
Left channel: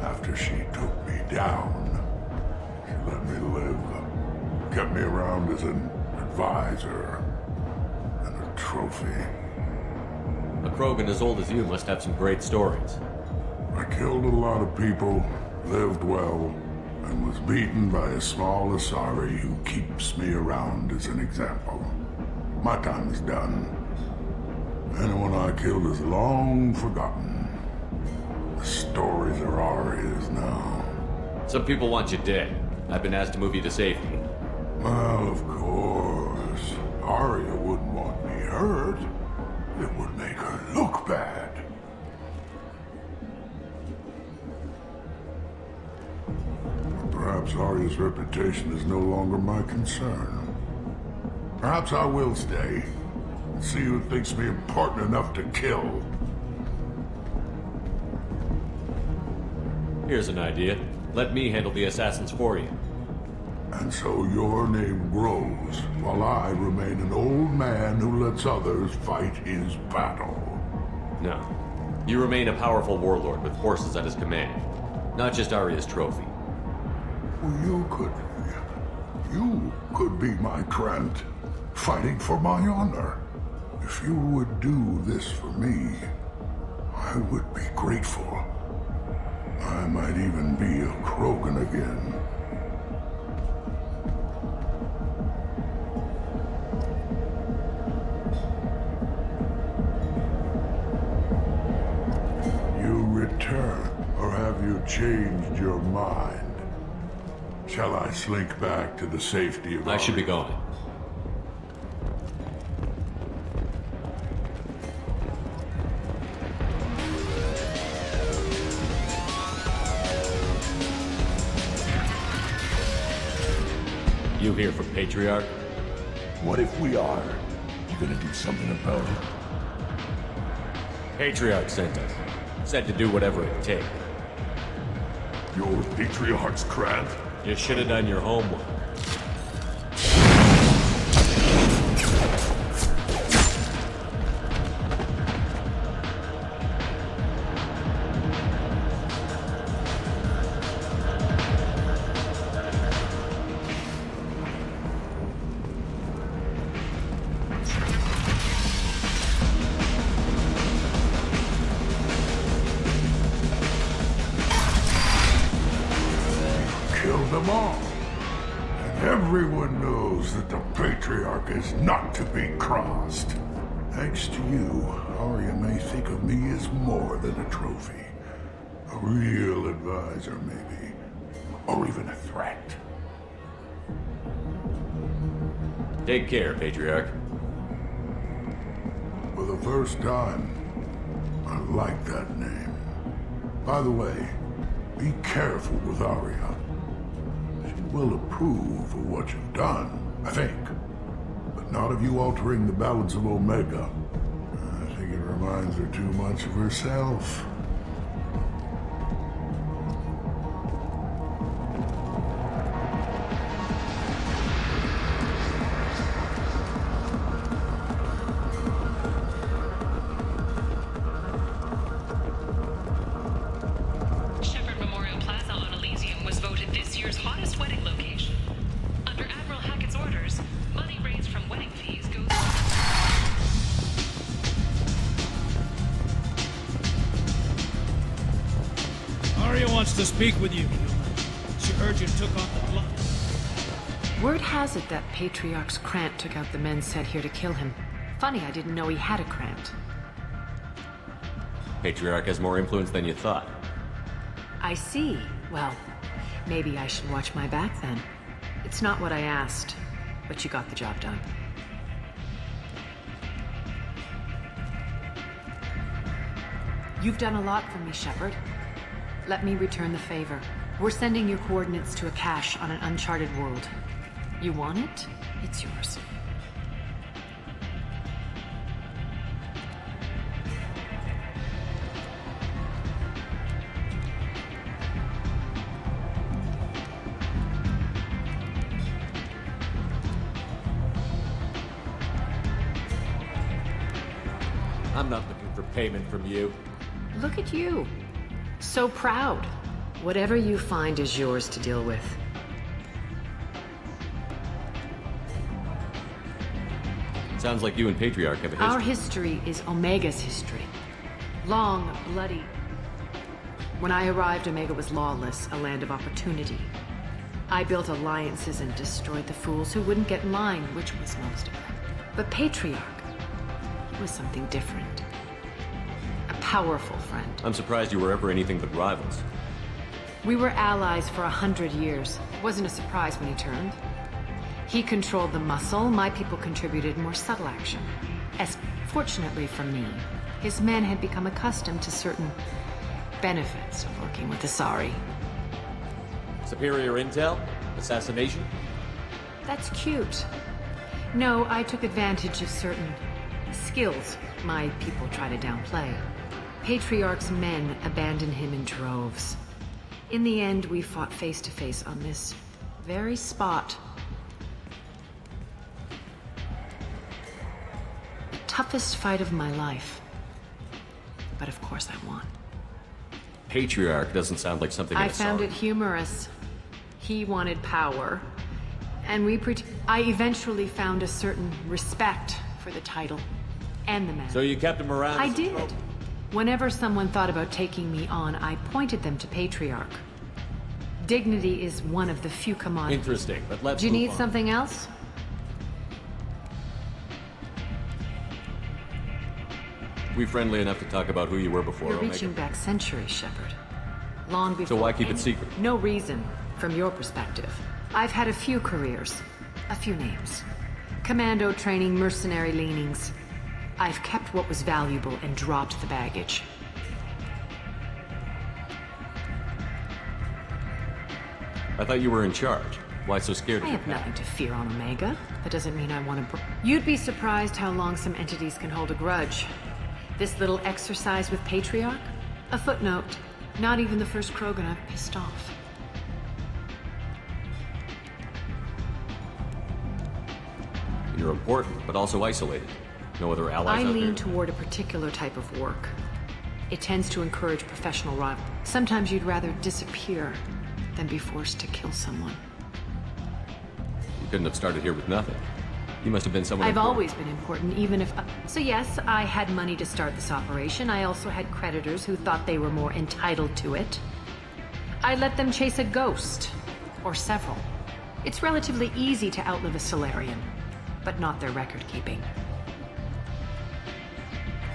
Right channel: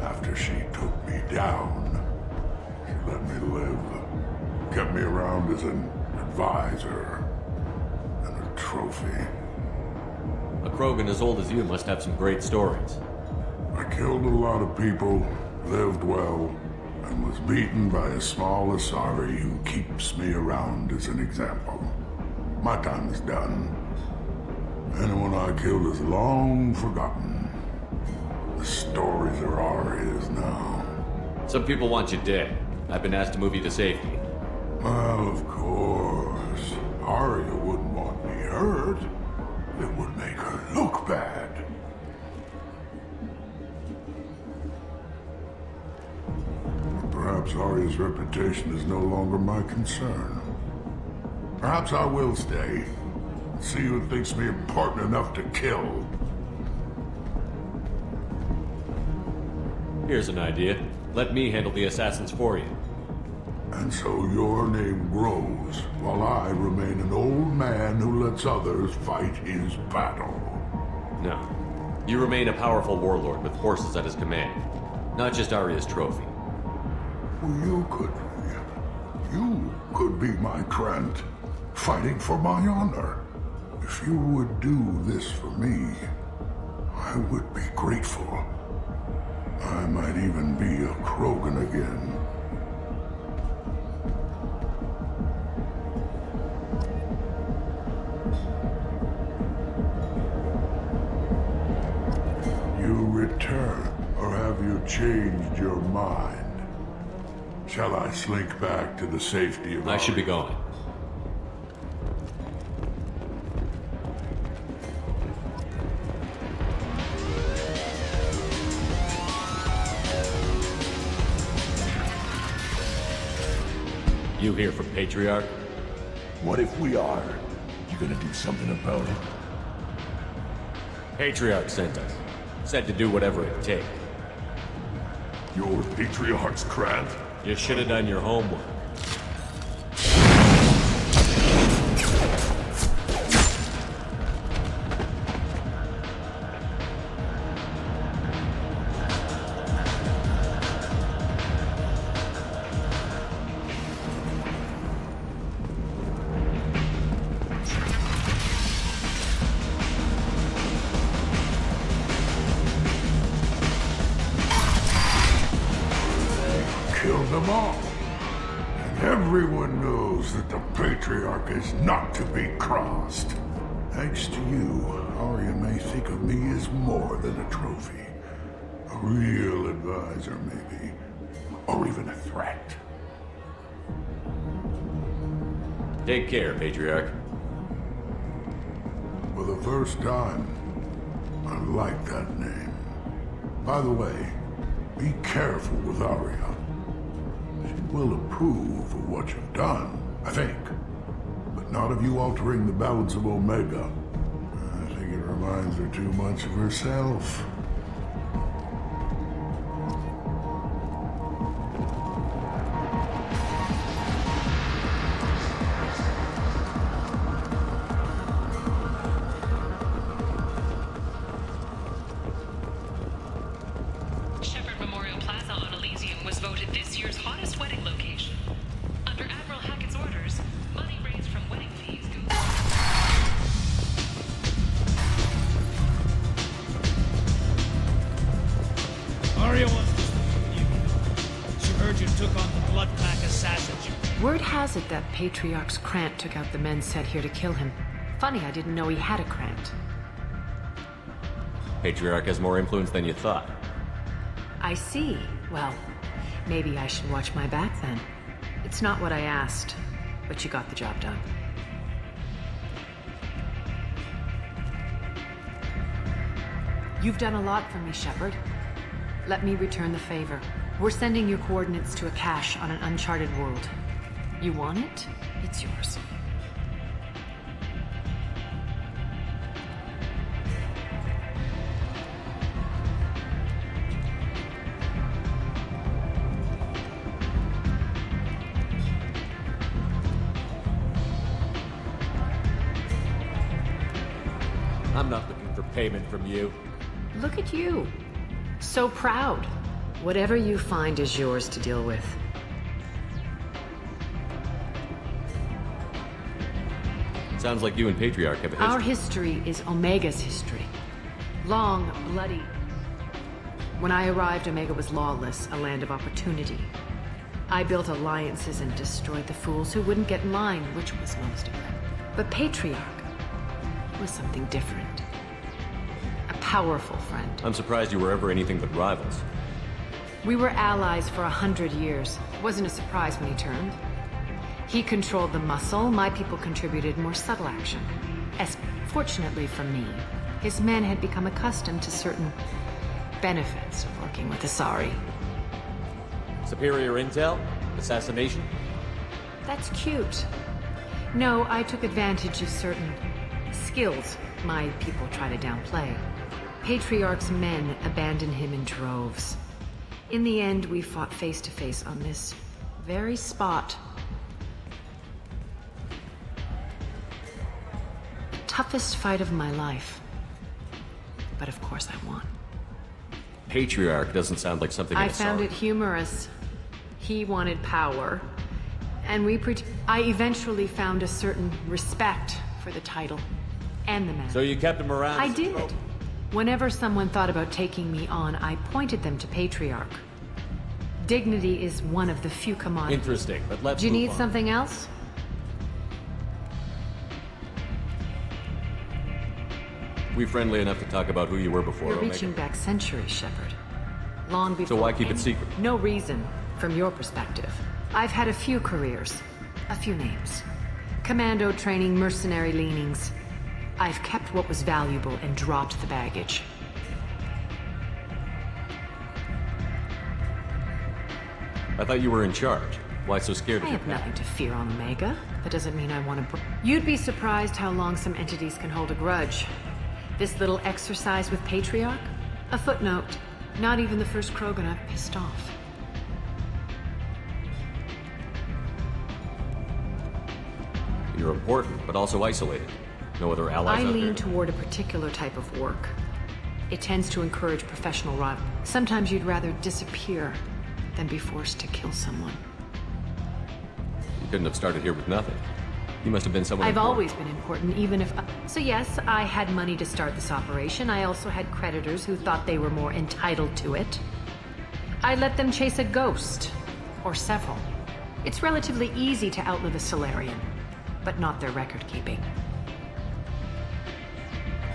After she took me down, she let me live. Kept me around as an advisor and a trophy. A Krogan as old as you must have some great stories. I killed a lot of people, lived well, and was beaten by a small Asari who keeps me around as an example. My time is done. Anyone I killed is long forgotten. The stories are Arya's now. Some people want you dead. I've been asked to move you to safety. Well, of course. Arya wouldn't want me hurt. It would make her look bad. Perhaps Arya's reputation is no longer my concern. Perhaps I will stay. See who thinks me important enough to kill. Here's an idea. Let me handle the assassins for you. And so your name grows, while I remain an old man who lets others fight his battle. No. You remain a powerful warlord with forces at his command. Not just Arya's trophy. Well, you could be my Trent, fighting for my honor. If you would do this for me, I would be grateful. I might even be a Krogan again. You return, or have you changed your mind? Shall I slink back to the safety of I should be Arya? going. You here for Patriarch? What if we are? You gonna do something about it? Patriarch sent us. Said to do whatever it takes. Your Patriarch's Krant? You should have done your homework. Killed them all. And everyone knows that the Patriarch is not to be crossed. Thanks to you, Arya may think of me as more than a trophy. A real advisor, maybe. Or even a threat. Take care, Patriarch. For the first time, I like that name. By the way, be careful with Arya. She will approve of what you've done, I think. But not of you altering the balance of Omega. I think it reminds her too much of herself. Shepherd Memorial Plaza on Elysium was voted this year's hottest wedding location. Under Admiral Hackett's orders, money raised from wedding fees goes... Arya wants to speak with you, Gil. She heard you took on the Blood Pack assassins. Word has it that Patriarch's Krant took out the men sent here to kill him. Funny, I didn't know he had a Krant. Patriarch has more influence than you thought. I see. Well, maybe I should watch my back then. It's not what I asked, but you got the job done. You've done a lot for me, Shepard. Let me return the favor. We're sending your coordinates to a cache on an uncharted world. You want it? It's yours. I'm not looking for payment from you. Look at you. So proud. Whatever you find is yours to deal with. Sounds like you and Patriarch have a history. Our history is Omega's history. Long, bloody. When I arrived, Omega was lawless, a land of opportunity. I built alliances and destroyed the fools who wouldn't get in line, which was most of them. But Patriarch was something different. A powerful friend. I'm surprised you were ever anything but rivals. We were allies for 100 years. It wasn't a surprise when he turned. He controlled the muscle, my people contributed more subtle action. As fortunately for me, his men had become accustomed to certain benefits of working with Asari. Superior intel? Assassination? That's cute. No, I took advantage of certain skills my people try to downplay. Patriarch's men abandoned him in droves. In the end, we fought face to face on this very spot. The toughest fight of my life. But of course I won. Patriarch doesn't sound like something I found it humorous. He wanted power. And I eventually found a certain respect for the title and the man. So you kept him around? I did. Whenever someone thought about taking me on, I pointed them to Patriarch. Dignity is one of the few commodities. Interesting, but let's Do you move need on. something else? We friendly enough to talk about who you were before You're Omega? reaching back centuries, Shepard. Long before. So why keep it secret? No reason, from your perspective. I've had a few careers, a few names. Commando training, mercenary leanings. I've kept what was valuable and dropped the baggage. I thought you were in charge. Why so scared of I your have past? nothing to fear on Omega. That doesn't mean I want to. You'd be surprised how long some entities can hold a grudge. This little exercise with Patriarch? A footnote. Not even the first Krogan I've pissed off. You're important, but also isolated. No other allies I out lean there? toward a particular type of work. It tends to encourage professional rival. Sometimes you'd rather disappear than be forced to kill someone. You couldn't have started here with nothing. You must have been someone I've important. always been important, even if... So yes, I had money to start this operation. I also had creditors who thought they were more entitled to it. I let them chase a ghost. Or several. It's relatively easy to outlive a Solarian, but not their record-keeping.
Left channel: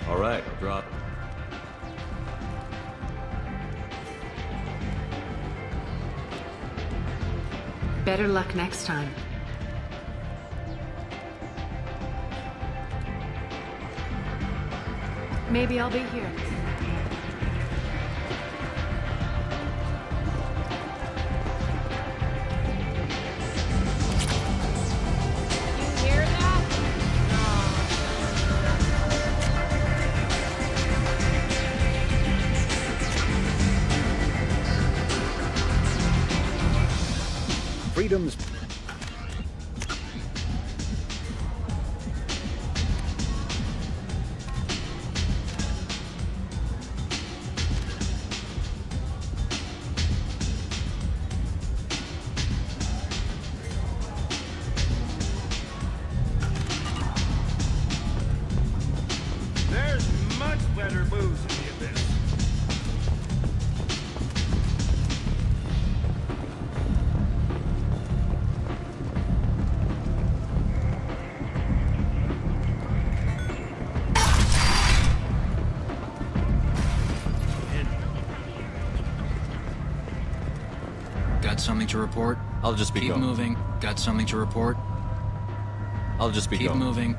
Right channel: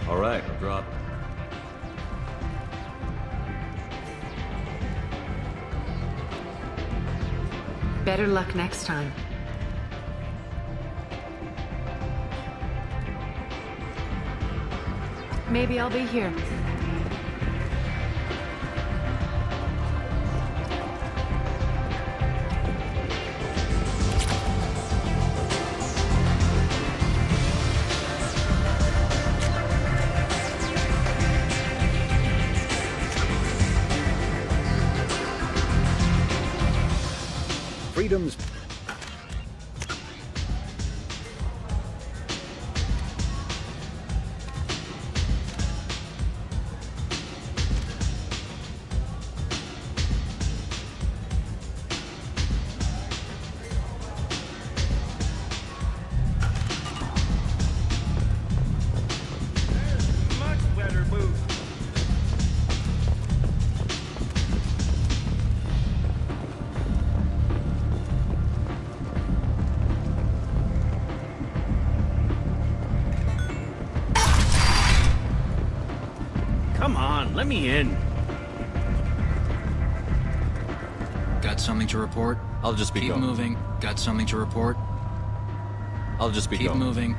All right, I'll drop. Better luck next time. Maybe I'll be here. Freedom's... There's much better booze than this. Got something to report? I'll just be Keep going. moving. Got something to report? I'll just be Keep going. moving.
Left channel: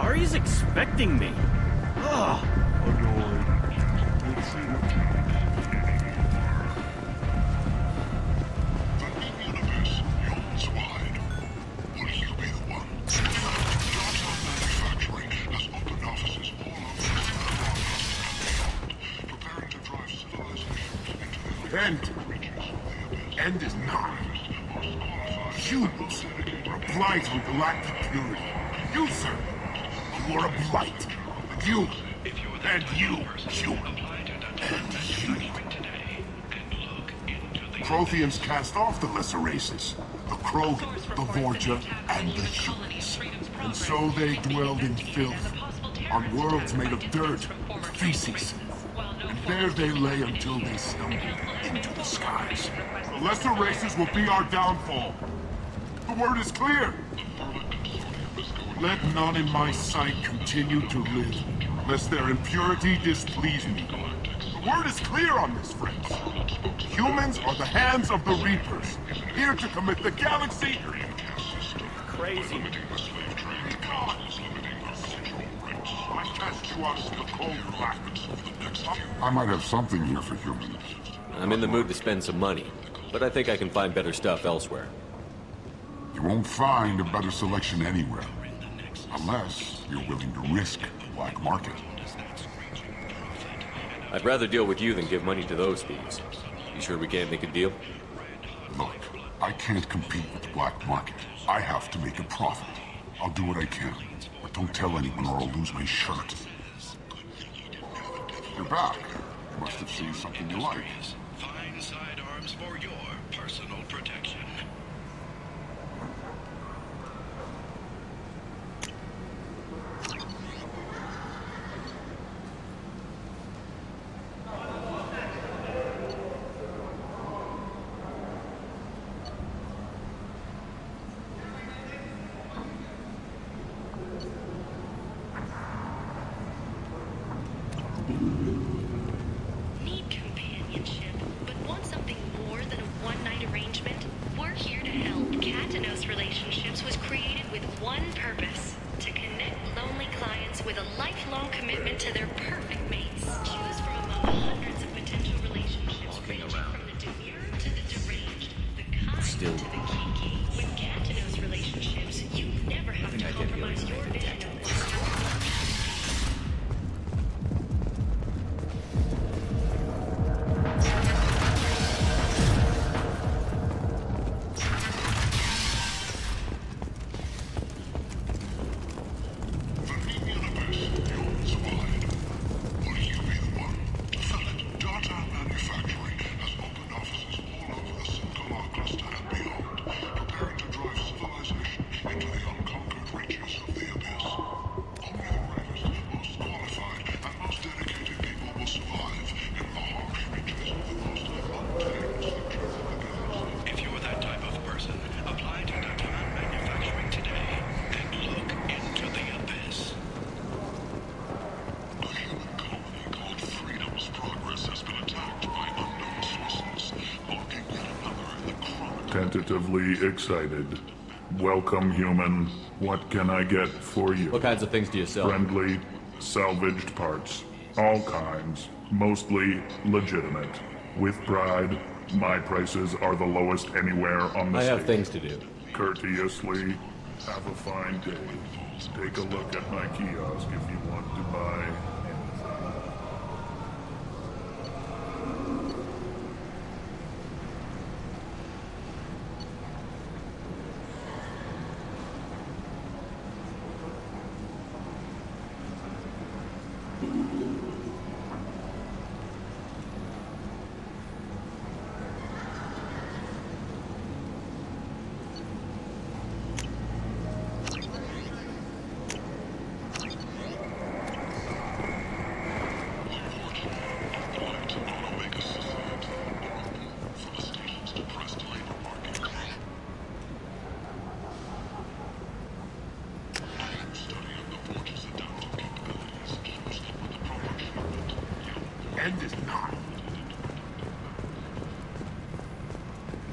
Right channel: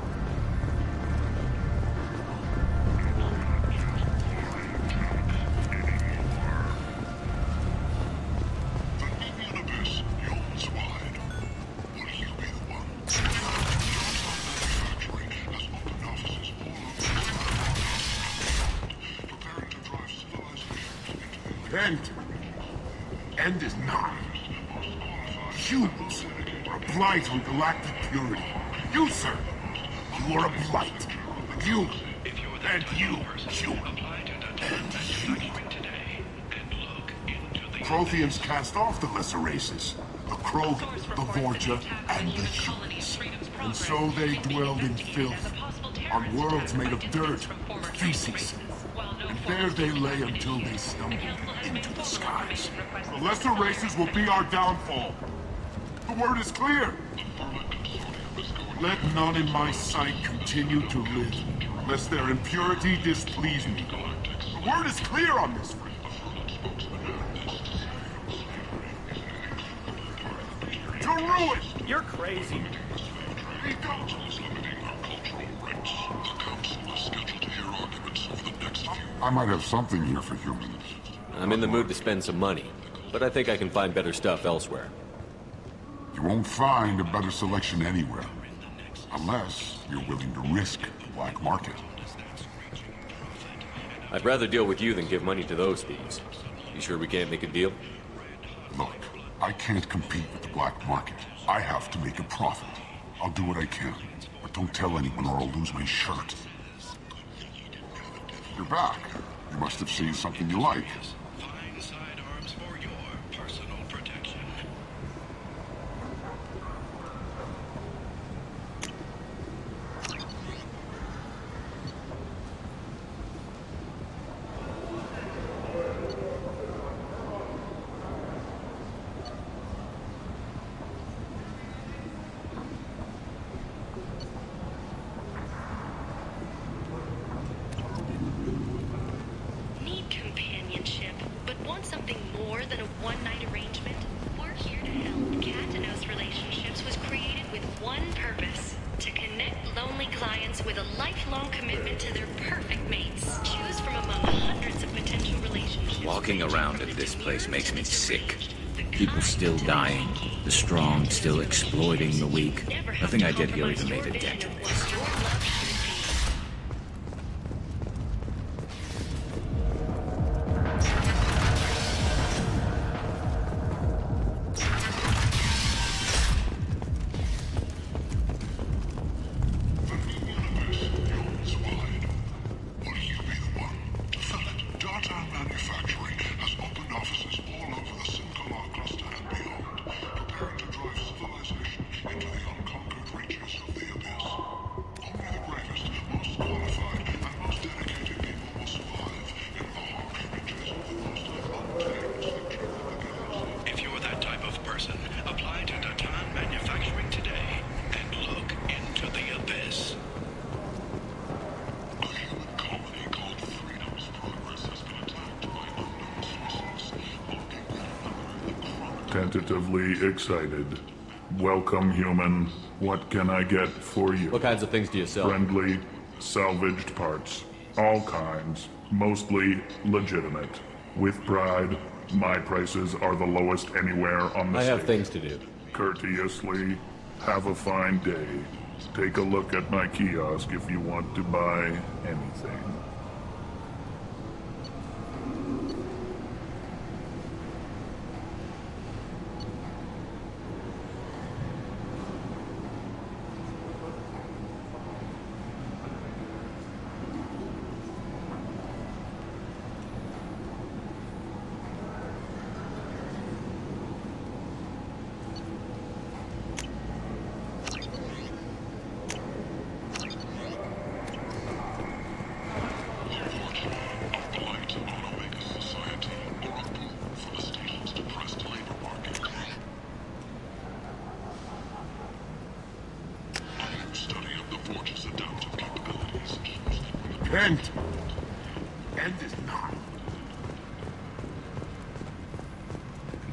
Ari's expecting me. Ugh. End is not. Humans are a blight on galactic purity. You, sir, you are a blight. You, and you, human, and human. Protheans cast off the lesser races, the Krogan, the Vorja, and the humans. And so they dwelled in filth, on worlds made of dirt and feces. And there they lay until they stumbled into the skies. The lesser races will be our downfall. The word is clear. Let none in my sight continue to live, lest their impurity displease me. The word is clear on this, friends. Humans are the hands of the Reapers, here to commit the galaxy to ruin. You're crazy. Be gone. I might have something here for humans. I'm in the mood to spend some money, but I think I can find better stuff elsewhere. You won't find a better selection anywhere. Unless you're willing to risk the black market. I'd rather deal with you than give money to those thieves. You sure we can't make a deal? Look, I can't compete with the black market. I have to make a profit. I'll do what I can, but don't tell anyone or I'll lose my shirt. You're back. You must have seen something you like. Fine sidearms for your personal protection. Need companionship, but want something more than a one-night arrangement? We're here to help. Katanos Relationships was created with one purpose: to connect lonely clients with a lifelong commitment to their perfect mates. Choose from among hundreds of potential relationships. Walking around at this place makes me sick. People still dying. The strong still exploiting the weak. Nothing I did here even made a dent in this. If you're that type of person, apply to Datan Manufacturing today and look into the abyss. A human colony called Freedom's Progress has been attacked by unknown sources, marking yet another in the chronicle. Tentatively excited. Welcome, human. What can I get for you? What kinds of things do you sell? Friendly, salvaged parts. All kinds. Mostly legitimate. With pride, my prices are the lowest anywhere on the I have state. things to do. Courteously, have a fine day. Take a look at my kiosk if you want to buy anything.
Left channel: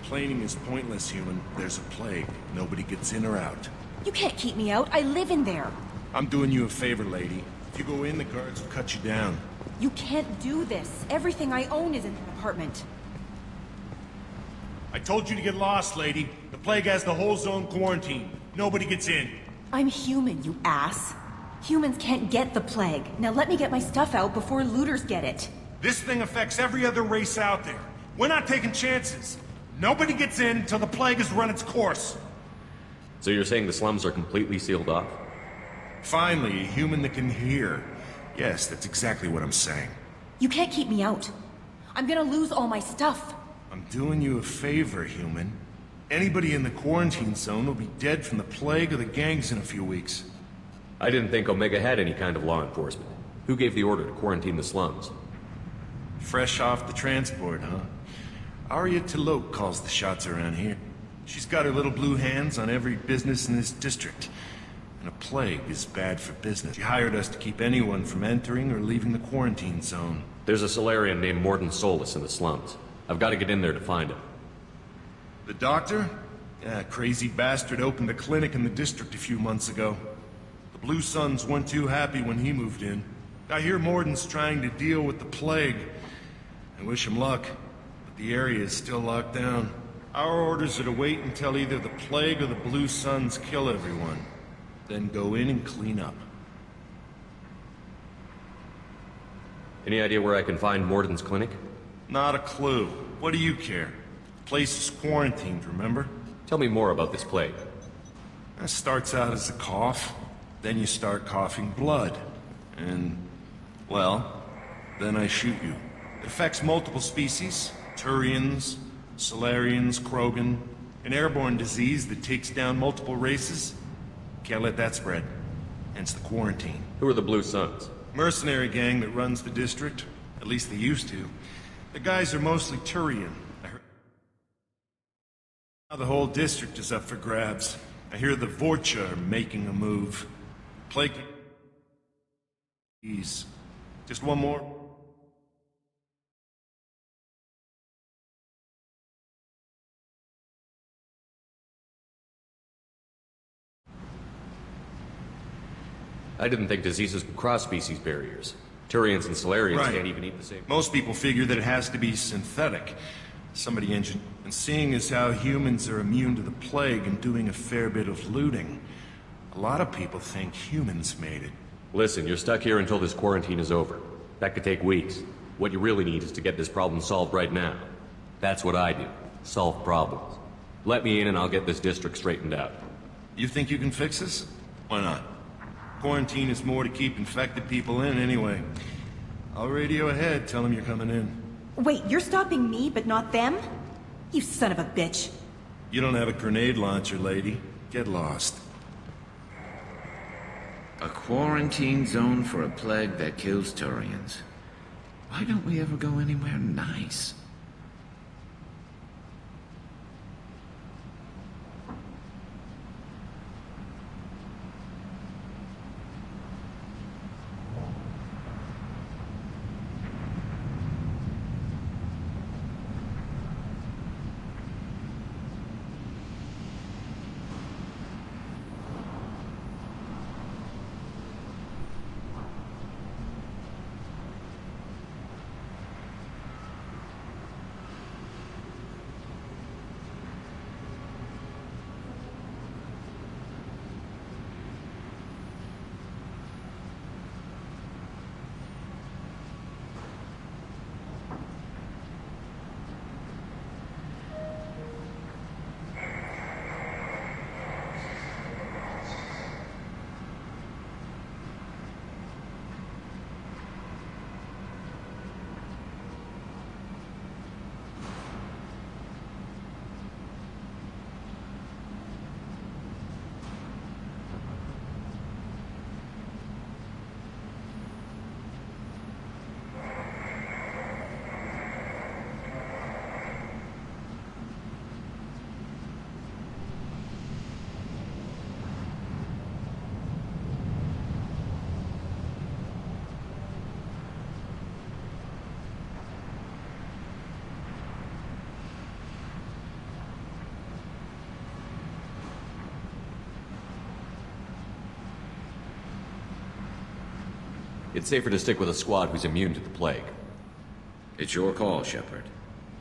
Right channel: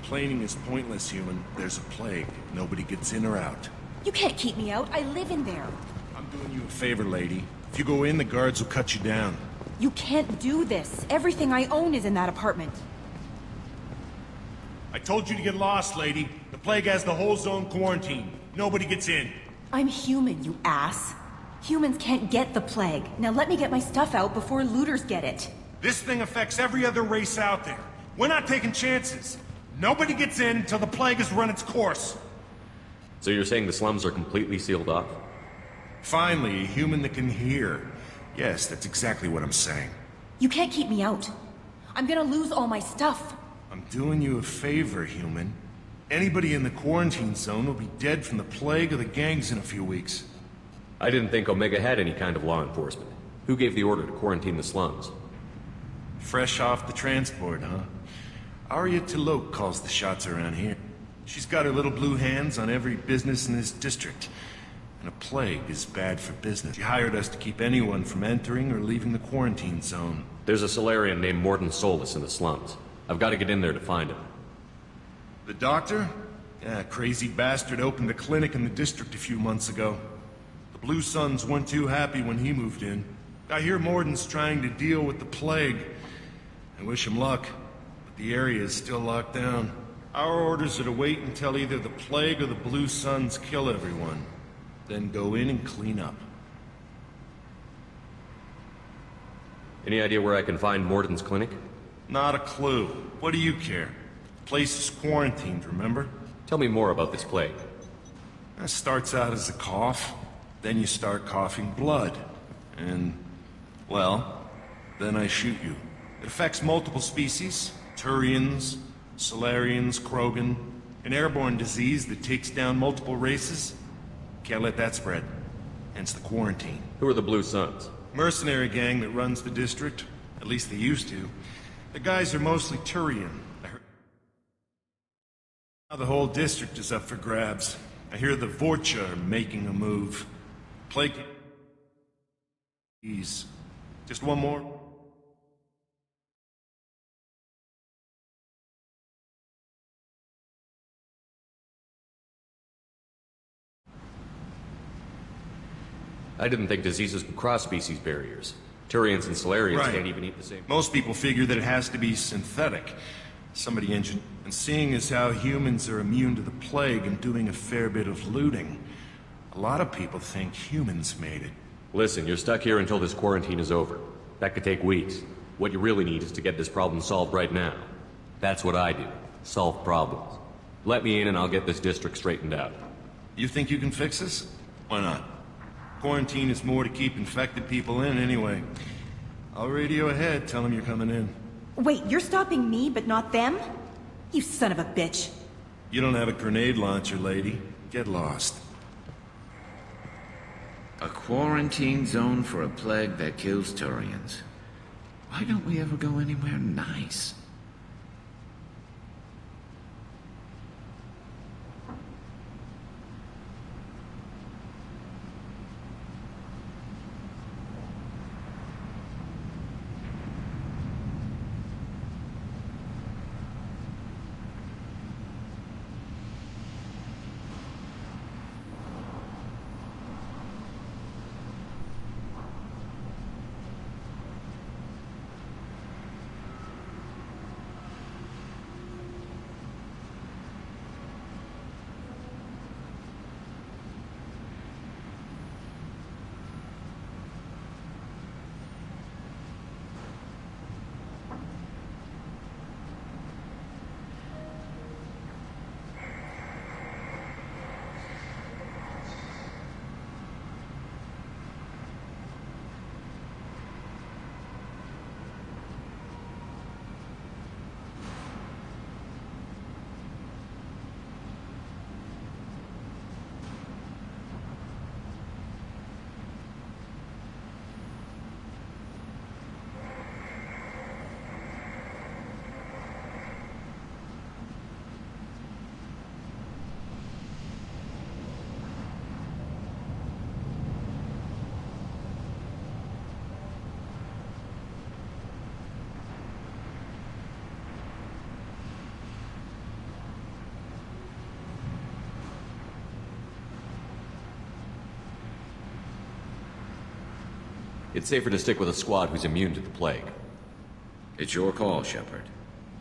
Complaining is pointless, human. There's a plague. Nobody gets in or out. You can't keep me out. I live in there. I'm doing you a favor, lady. If you go in, the guards will cut you down. You can't do this. Everything I own is in that apartment. I told you to get lost, lady. The plague has the whole zone quarantined. Nobody gets in. I'm human, you ass. Humans can't get the plague. Now let me get my stuff out before looters get it. This thing affects every other race out there. We're not taking chances. Nobody gets in until the plague has run its course. So you're saying the slums are completely sealed off? Finally, a human that can hear. Yes, that's exactly what I'm saying. You can't keep me out. I'm gonna lose all my stuff. I'm doing you a favor, human. Anybody in the quarantine zone will be dead from the plague or the gangs in a few weeks. I didn't think Omega had any kind of law enforcement. Who gave the order to quarantine the slums? Fresh off the transport, huh? Arya T'Loak calls the shots around here. She's got her little blue hands on every business in this district. And a plague is bad for business. She hired us to keep anyone from entering or leaving the quarantine zone. There's a Solarian named Morden Solus in the slums. I've got to get in there to find him. The doctor? Yeah, crazy bastard opened a clinic in the district a few months ago. The Blue Suns weren't too happy when he moved in. I hear Morden's trying to deal with the plague. I wish him luck, but the area is still locked down. Our orders are to wait until either the plague or the Blue Suns kill everyone. Then go in and clean up. Any idea where I can find Morden's clinic? Not a clue. What do you care? The place is quarantined, remember? Tell me more about this plague. It starts out as a cough, then you start coughing blood. And, well, then I shoot you. It affects multiple species. Turians, Solarians, Krogan. An airborne disease that takes down multiple races. Can't let that spread. Hence the quarantine. Who are the Blue Suns? Mercenary gang that runs the district. At least they used to. The guys are mostly Turian. Now the whole district is up for grabs. I hear the Vorcha are making a move. Plague... Ease. Just one more. I didn't think diseases could cross species barriers. Turians and Solarians can't even eat the same. Most people figure that it has to be synthetic. Somebody engineered. And seeing as how humans are immune to the plague and doing a fair bit of looting, a lot of people think humans made it. Listen, you're stuck here until this quarantine is over. That could take weeks. What you really need is to get this problem solved right now. That's what I do. Solve problems. Let me in and I'll get this district straightened out. You think you can fix this? Why not? Quarantine is more to keep infected people in anyway. I'll radio ahead, tell them you're coming in. Wait, you're stopping me, but not them? You son of a bitch. You don't have a grenade launcher, lady. Get lost. A quarantine zone for a plague that kills Turians. Why don't we ever go anywhere nice? It's safer to stick with a squad who's immune to the plague. It's your call, Shepard.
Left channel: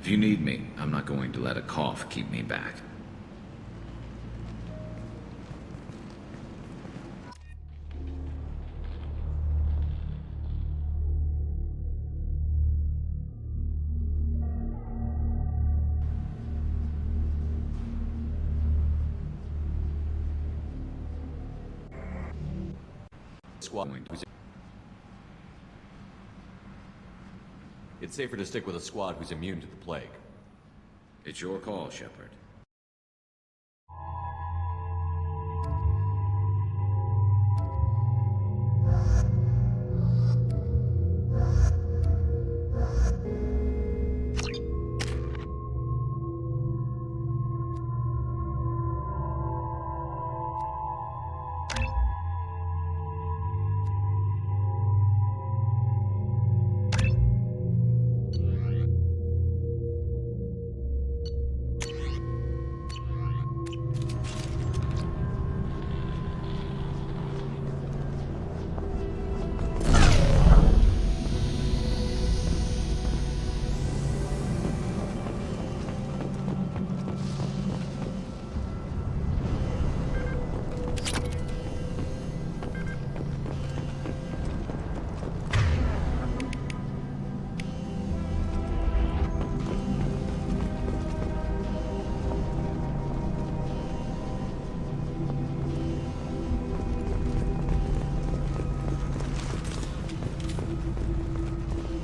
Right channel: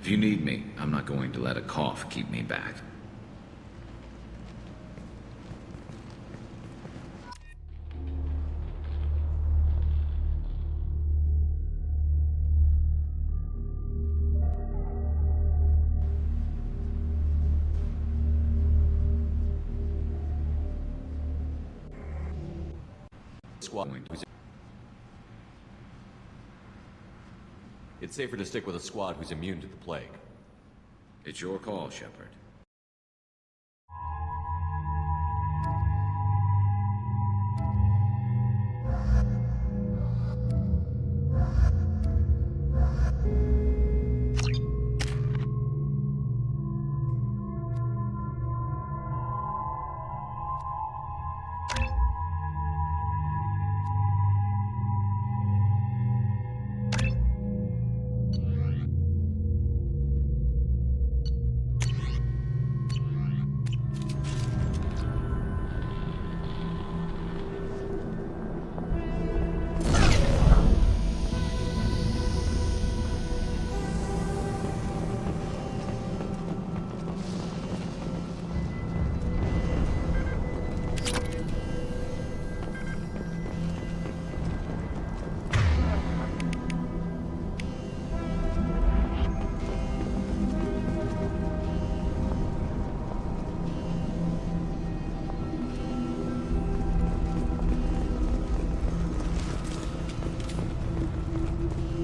If you need me, I'm not going to let a cough keep me back. It's safer to stick with a squad who's immune to the plague. It's your call, Shepard.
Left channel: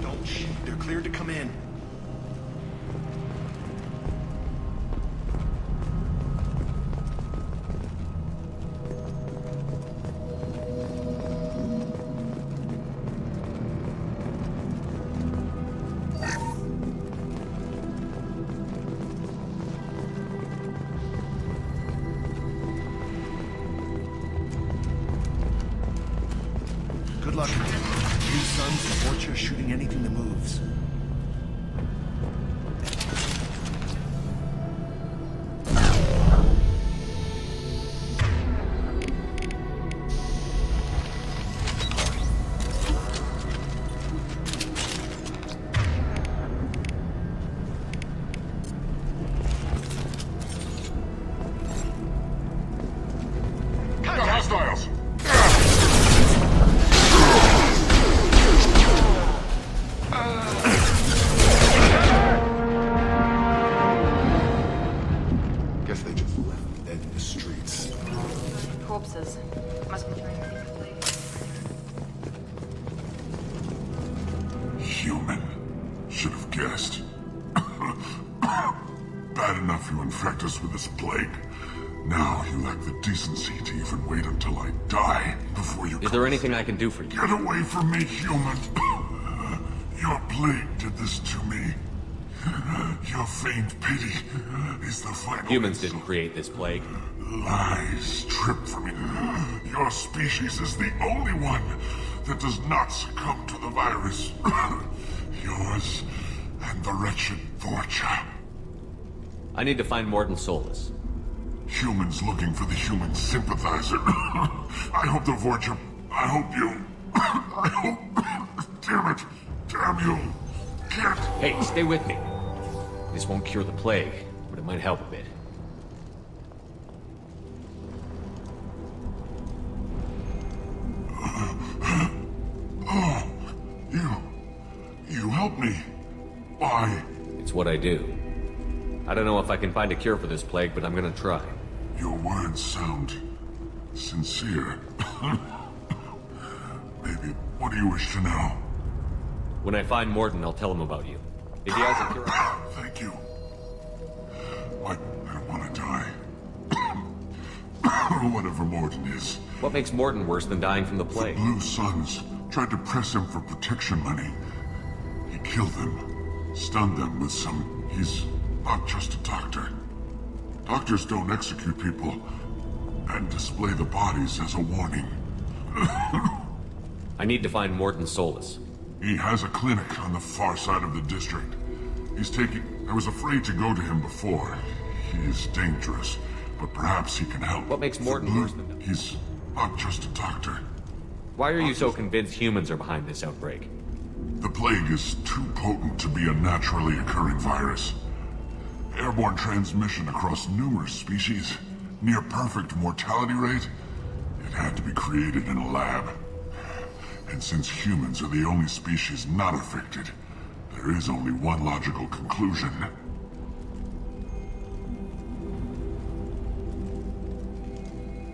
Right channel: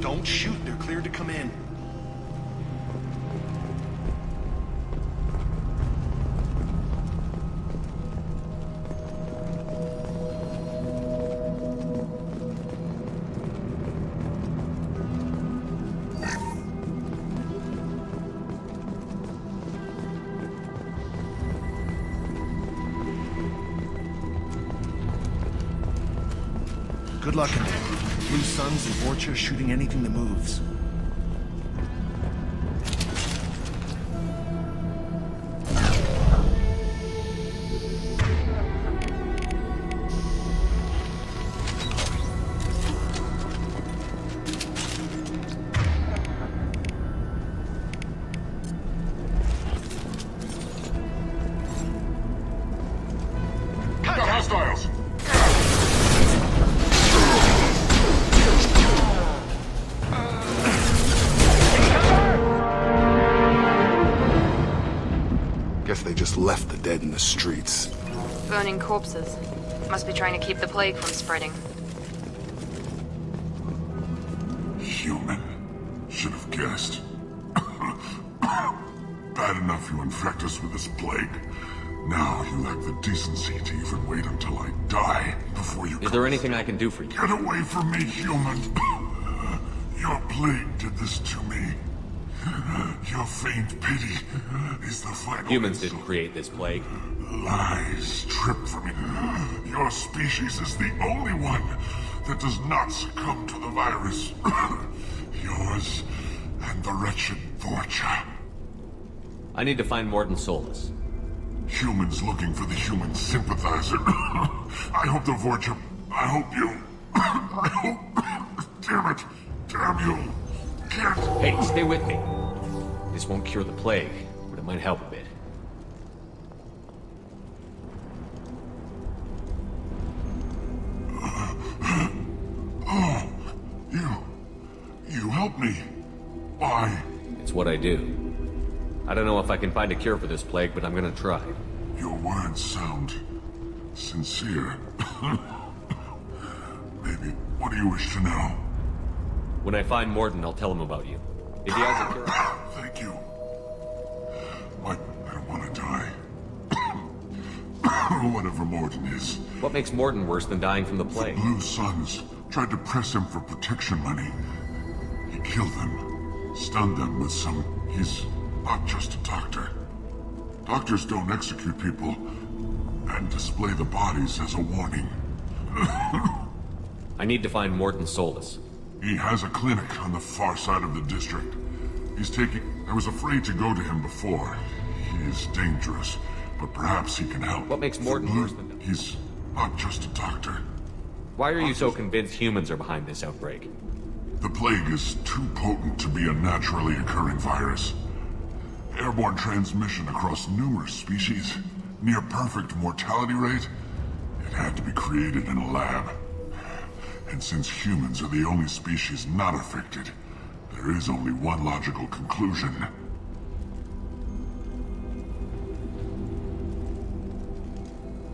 Don't shoot. They're cleared to come in. Good luck in there. Blue Suns and Vorcha shooting anything that moves. Got hostiles! Guess they just left the dead in the streets. Burning corpses. Must be trying to keep the plague from spreading. Human. Should have guessed. Bad enough you infect us with this plague. Now you lack the decency to even wait until I die before you... Is there anything I can do for you? Get away from me, human! Your plague did this to me. Your faint pity is the final... Humans didn't create this plague. Lies stripped from me. Your species is the only one that does not succumb to the virus. Yours and the wretched Vorcha. I need to find Morton Solus. Humans looking for the human sympathizer. I hope the Vorcha... I hope you... I hope... Damn it. Damn you. Can't... Hey, stay with me. This won't cure the plague, but it might help a bit. Oh, you helped me. Why? It's what I do. I don't know if I can find a cure for this plague, but I'm gonna try. Your words sound sincere. Maybe. What do you wish to know? When I find Morton, I'll tell him about you. If he has a cure... Thank you. What? I don't want to die. Whatever Morton is. What makes Morton worse than dying from the plague? The Blue Suns tried to press him for protection money. He killed them, stunned them with some... He's not just a doctor. Doctors don't execute people and display the bodies as a warning. I need to find Morton Solus. He has a clinic on the far side of the district. He's taking... I was afraid to go to him before. He is dangerous, but perhaps he can help. What makes Morton worse than... He's not just a doctor. Why are you so convinced humans are behind this outbreak? The plague is too potent to be a naturally occurring virus. Airborne transmission across numerous species, near perfect mortality rate. It had to be created in a lab. And since humans are the only species not affected, there is only one logical conclusion.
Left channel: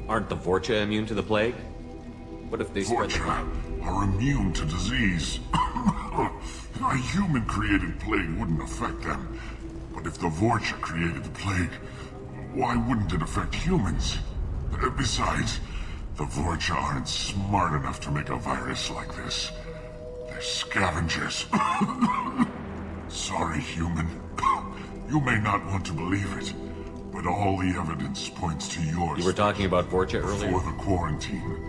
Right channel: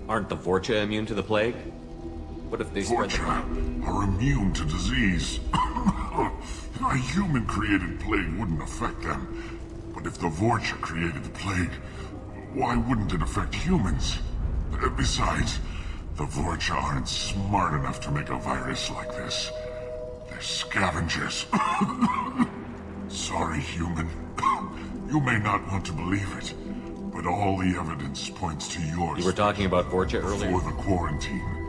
Aren't the Vorcha immune to the plague? What if they spread the Vorcha are immune to disease. A human-created plague wouldn't affect them. But if the Vorcha created the plague, why wouldn't it affect humans? Besides, the Vorcha aren't smart enough to make a virus like this. They're scavengers. Sorry, human. You may not want to believe it, but all the evidence points to yours. You were talking about Vorcha earlier? Before the quarantine,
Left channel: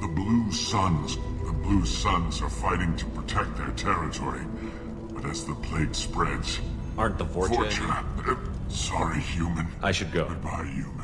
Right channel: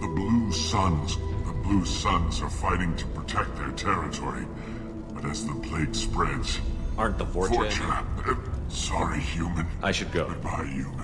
the Blue Suns are fighting to protect their territory. But as the plague spreads... Aren't the Vorcha... sorry, human. I should go. Goodbye, human.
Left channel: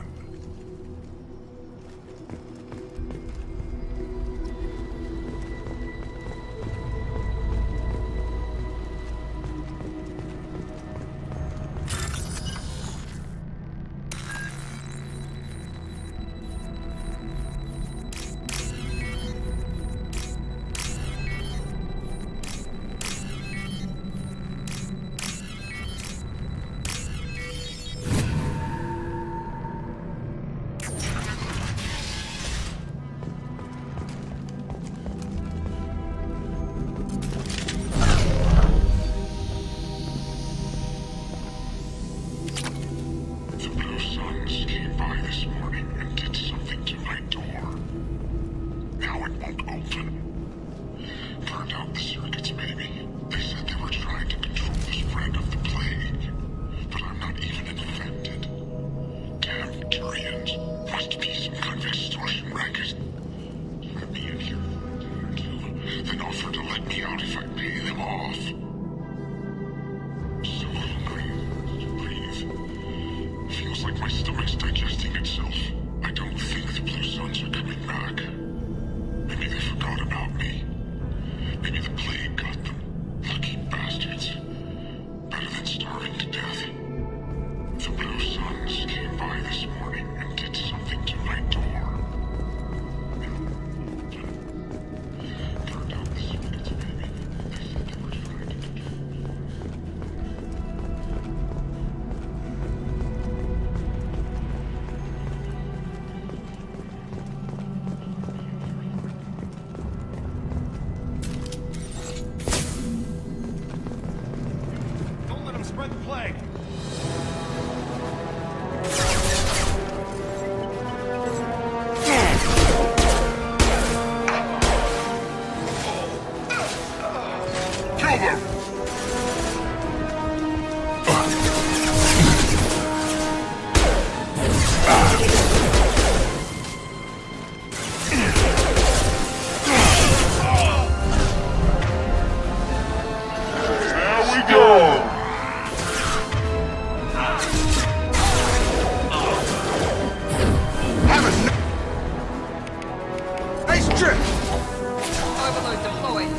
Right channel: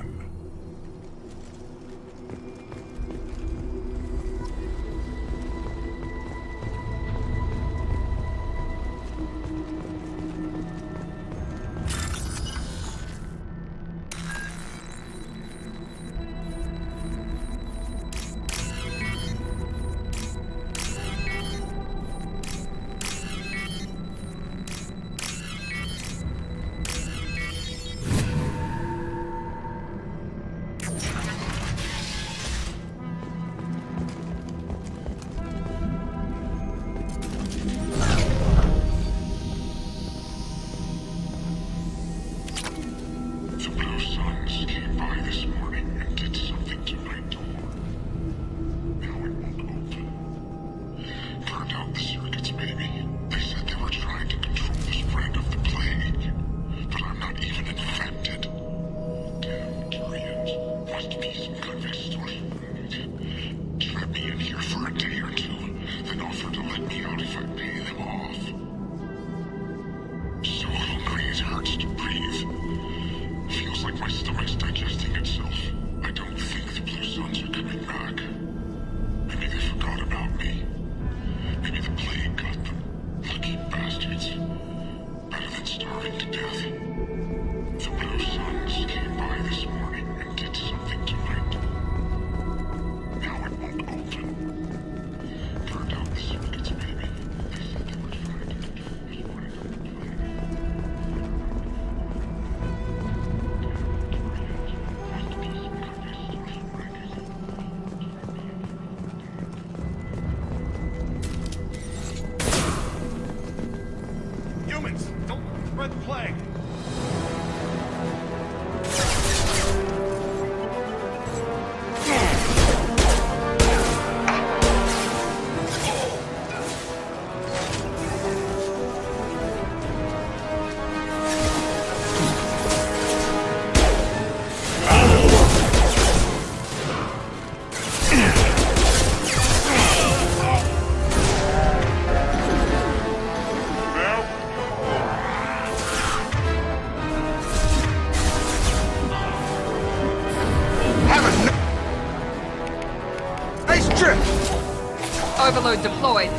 Overload deployed.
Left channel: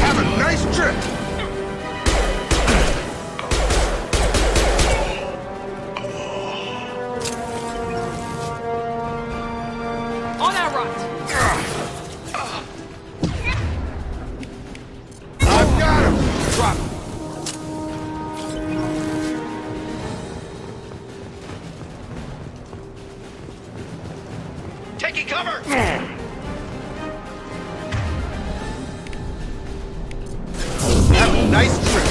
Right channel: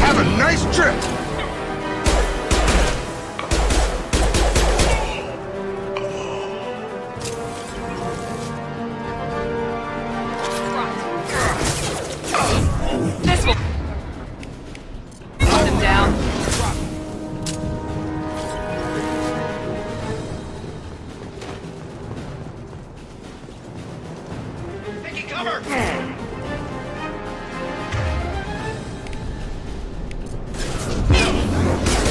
Have a nice trip! On our right! This one! I've got him! Drop him. Taking cover! Have a nice trip!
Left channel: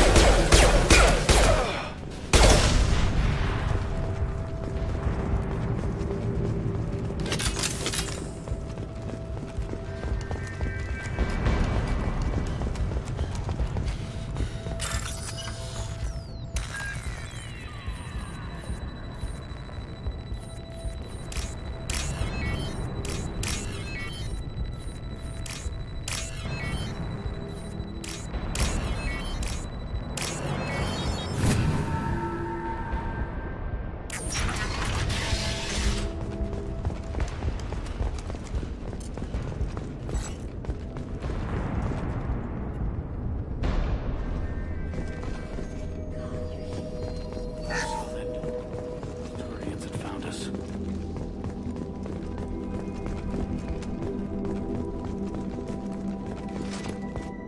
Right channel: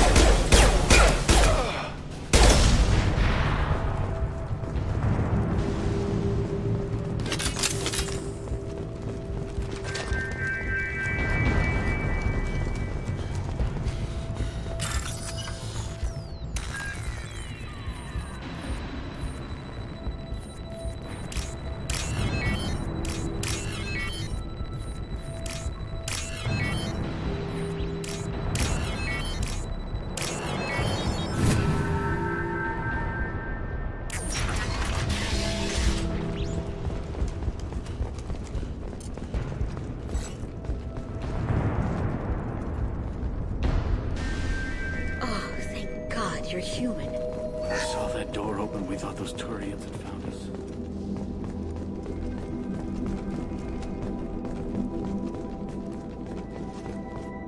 you're human. When I saw that door open, we thought those Turians had found us.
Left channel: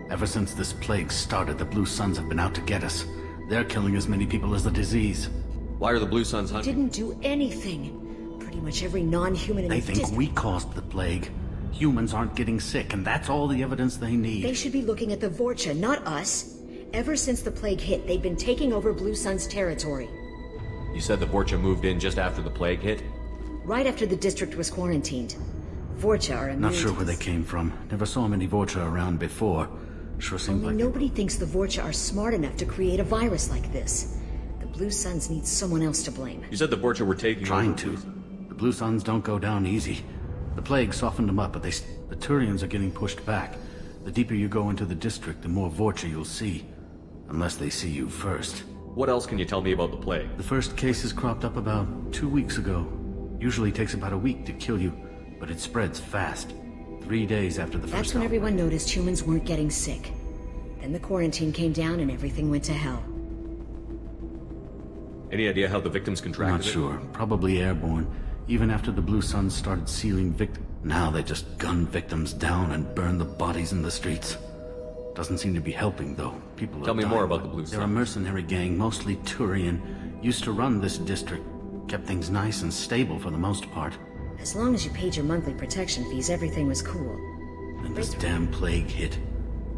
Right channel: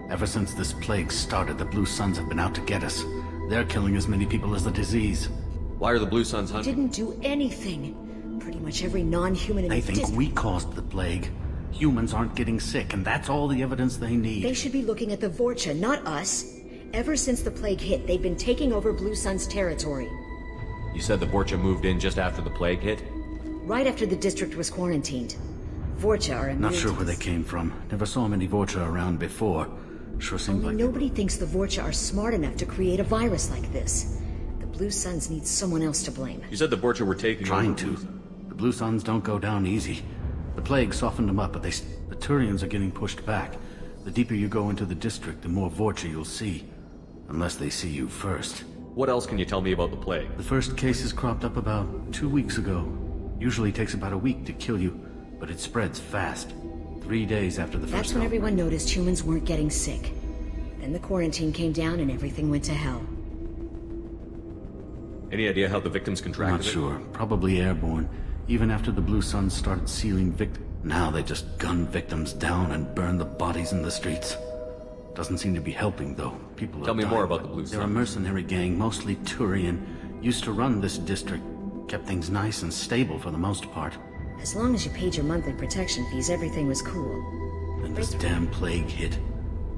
Ever since this plague started, the Blue Suns have been out to get us. They're killing as many people as the disease. Why are the Blue Suns We hunting? didn't do anything. Pretty much every non-human in They the think we caused the plague. Humans aren't getting sick, and that's all the evidence they need. They should be looking at the Vorcha, not us. Ever since the plague hit, they've been taking over Blue Sun's territory. You said the Vorcha moved in just after the plague hit? Right after the district was quarantined. Vorcha are immune Not sure to where they came from. Never saw many Vorcha around before. Sure seemed Only like... nobody thinks the Vorcha are smart enough to create a virus like this. The Blue Suns need someone else to blame. You said the Vorcha were taking Trying over to. The Blue Suns don't go down easy. The plague softened them up, but the Turians are getting pushed back. The deeper you go into the district, the more Vorcha you'll see. Unless they see you first. What else can you tell me about the plague? The first cases cropped up about 2 weeks ago. Usually takes about a week to kill you, but it spreads fast. 3 days after the That's first when outbreak. everyone noticed humans weren't getting sick. Then the quarantine came down and everything went to hell. Any idea how the victims contracted Not it? sure. Probably airborne. Even after the Blue Suns started sealing now they just gun victims down and burn the bodies in the streets. Doesn't seem to be helping, though. People are Tell me dying, more about the but Blue They're a Suns. mercenary gang, mostly Turian. Used to run this district. Kept things nice and stable for the most part. As long as you paid your monthly protection fees, everything was cool. Then this damn plague hit.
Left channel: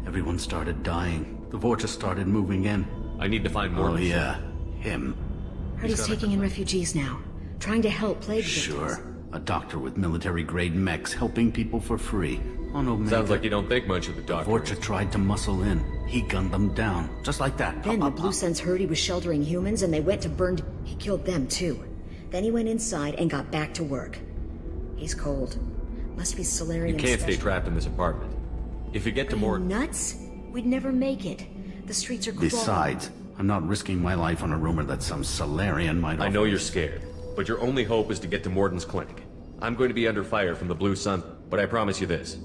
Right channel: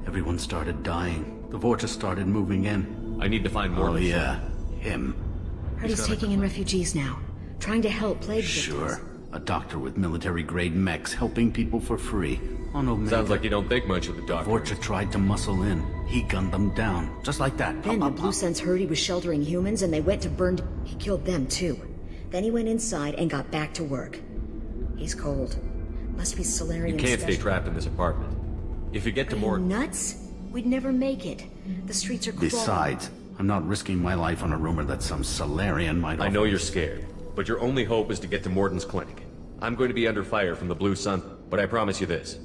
Everyone started dying. The Vorcha started moving in. I need to find more. Oh yeah, him. Heard he's taking in refugees now. Trying to help plague victims. Sure. A doctor with military-grade mechs helping people for free. On Omega. Sounds like you don't think much of the doctor. Vorcha tried to muscle in. He gunned them down. Just like that. Then the Blue Suns heard he was sheltering humans and they went to burn... He killed them too. Then he went inside and got back to work. He's cold. Must be Solarian You can't stay special. trapped in this apartment. If you get to Are more... you nuts? We'd never make it. The streets are crawling. Besides, I'm not risking my life on a rumor that some Solarian might... I know you're scared, but your only hope is to get to Morden's clinic. I'm going to be under fire from the Blue Sun, but I promise you this.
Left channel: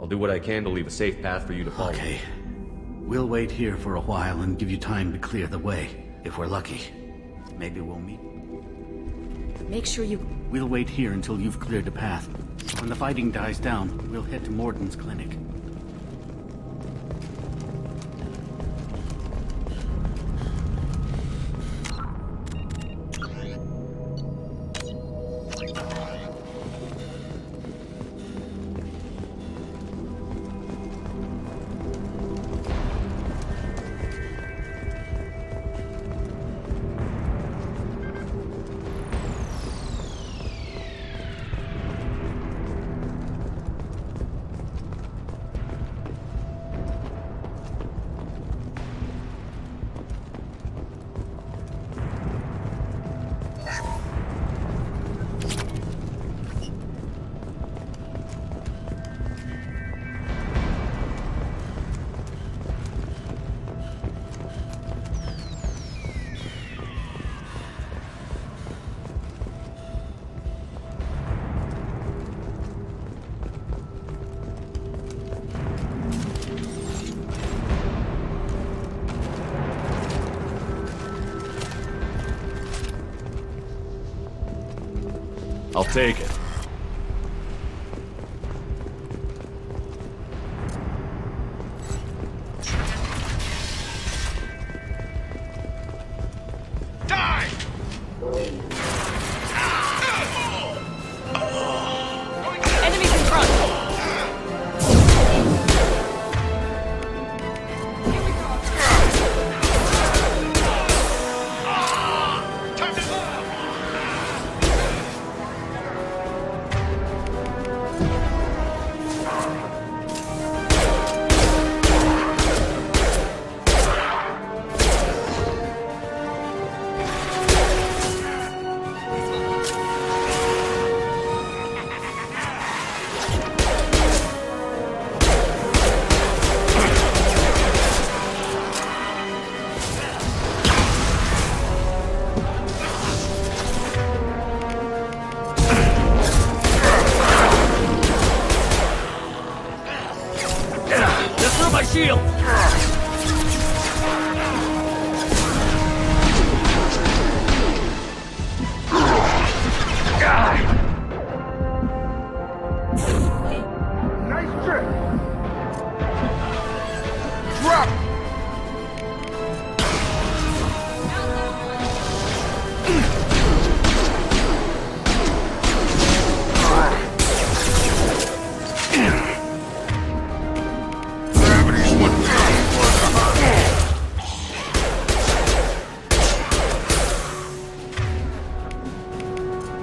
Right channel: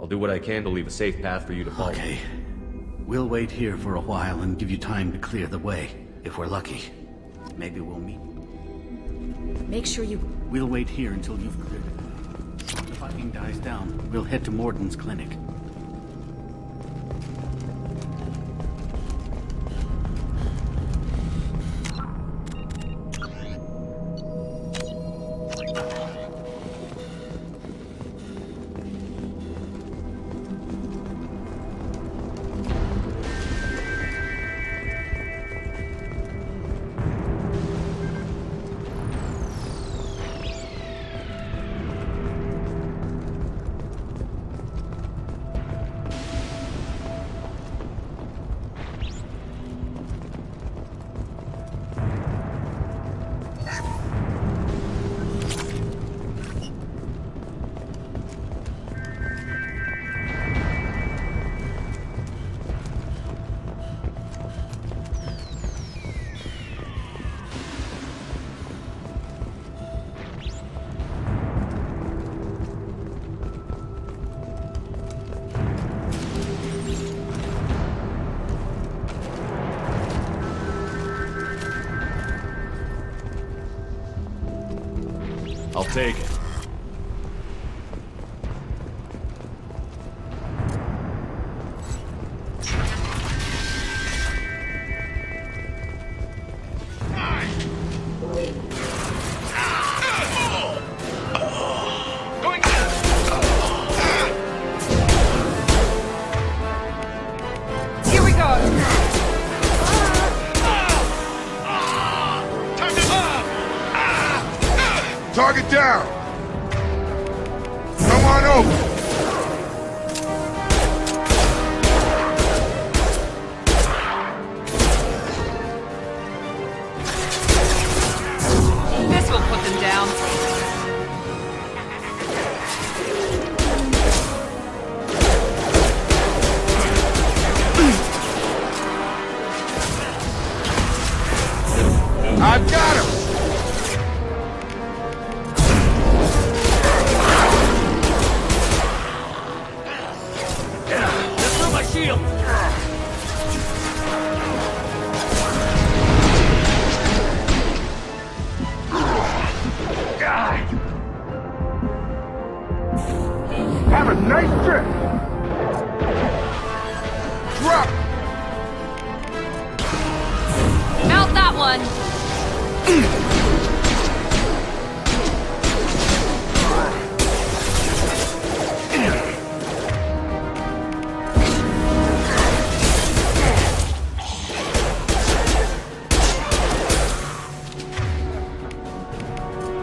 I'll do what I can to leave a safe path for you to follow. Okay. We'll wait here for a while and give you time to clear the way. If we're lucky. Maybe we'll meet. Make sure you... We'll wait here until you've cleared the path. When the fighting dies down, we'll head to Morden's clinic. I'll take it. Here we go. Target down! Come on over!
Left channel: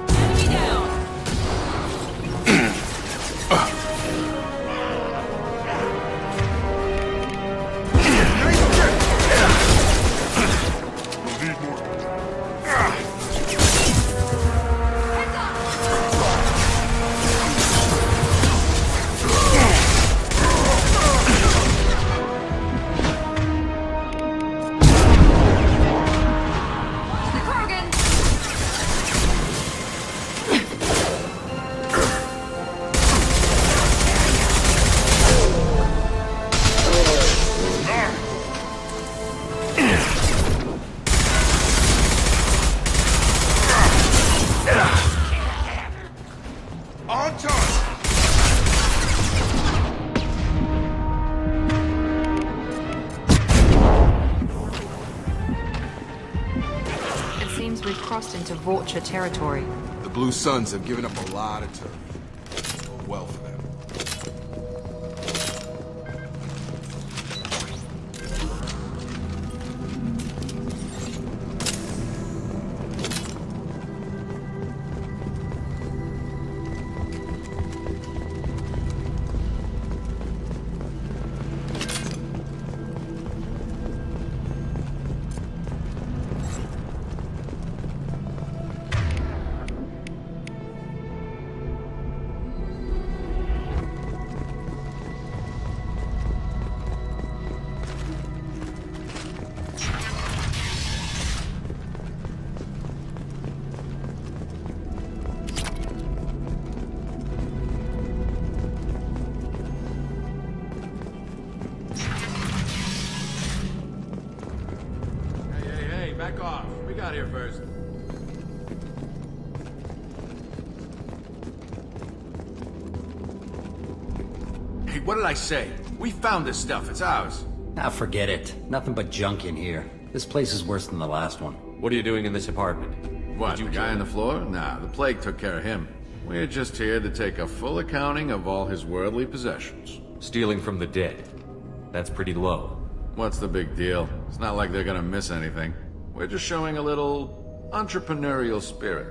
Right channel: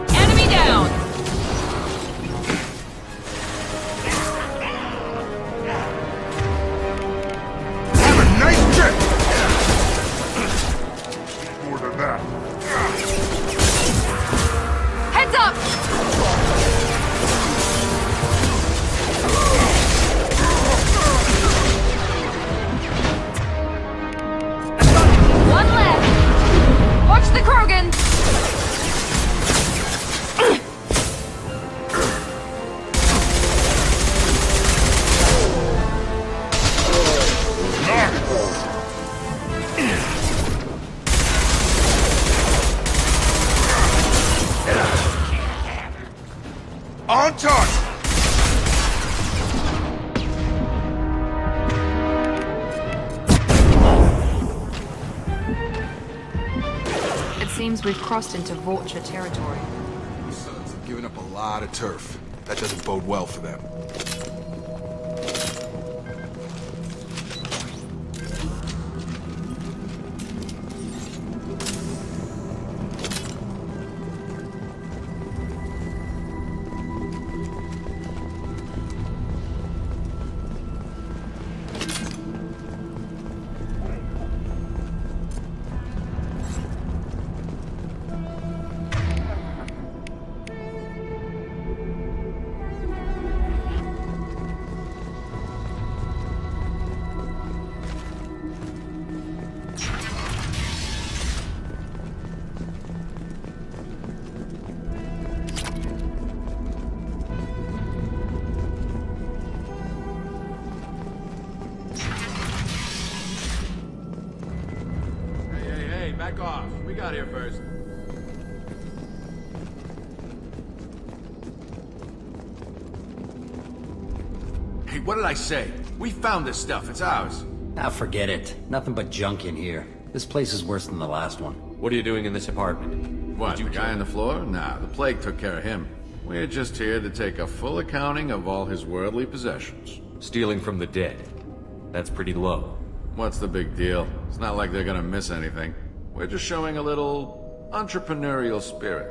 Enemy down! Nice trip! Need more than that. Heads up! One left! Watch the Krogan! On target! It seems we've crossed into Vulture territory. The Blue Suns have given up a lot of turf. That doesn't bode well for them. Hey, back off. We got here first. Hey, what did I say? We found this stuff. It's ours. Ah, forget it. Nothing but junk in here. This place is worse than the last one. What are you doing in this apartment? What, the guy on the floor? Nah, the plague took care of him. We're just here to take a full accounting of all his worldly possessions. Stealing from the dead. That's pretty low. What's the big deal? It's not like they're gonna miss anything. We're just showing a little entrepreneurial spirit.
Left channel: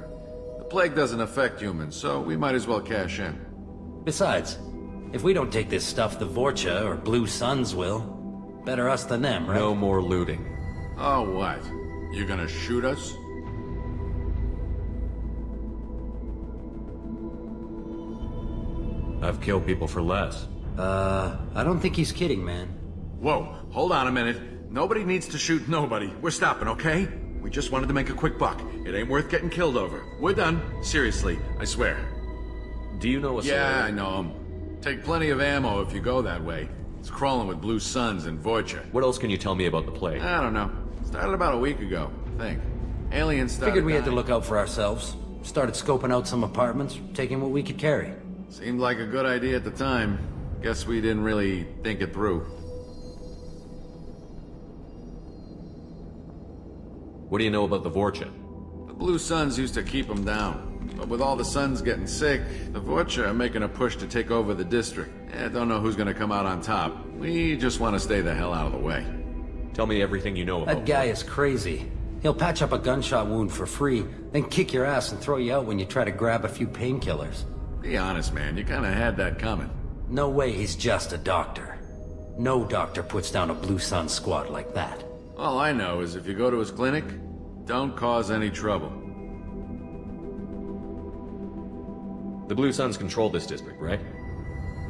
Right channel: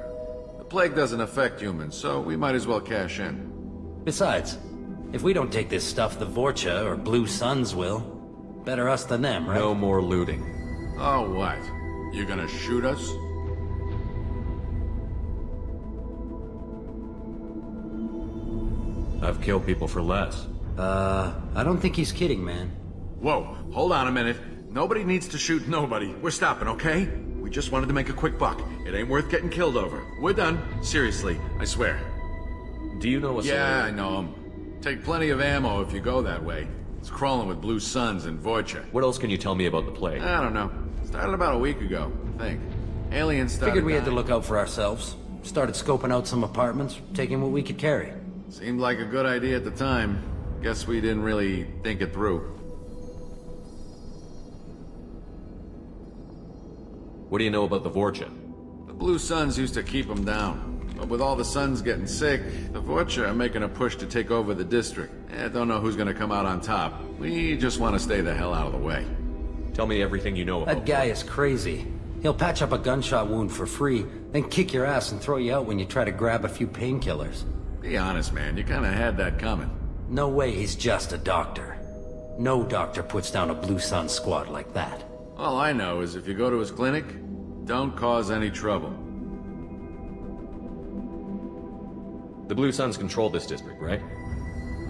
The plague doesn't affect humans, so we might as well cash in. Besides, if we don't take this stuff, the Vorcha or Blue Suns will. Better us than them, right? No more looting. Oh, what? You gonna shoot us? I've killed people for less. I don't think he's kidding, man. Whoa, hold on a minute. Nobody needs to shoot nobody. We're stopping, okay? We just wanted to make a quick buck. It ain't worth getting killed over. We're done. Seriously, I swear. Do you know a Yeah, I know him. Take plenty of ammo if you go that way. It's crawling with Blue Suns and Vorcha. What else can you tell me about the plague? I don't know. Started about a week ago, I think. Aliens started Figured we had to dying. look out for ourselves. Started scoping out some apartments, taking what we could carry. Seemed like a good idea at the time. Guess we didn't really think it through. What do you know about the Vorcha? The Blue Suns used to keep them down. But with all the Suns getting sick, the Vorcha are making a push to take over the district. Don't know who's gonna come out on top. We just want to stay the hell out of the way. Tell me everything you know about That guy is crazy. He'll patch up a gunshot wound for free, then kick your ass and throw you out when you try to grab a few painkillers. Be honest, man. You kinda had that coming. No way he's just a doctor. No doctor puts down a Blue Sun squad like that. All I know is if you go to his clinic, don't cause any trouble. The Blue Suns control this district, right?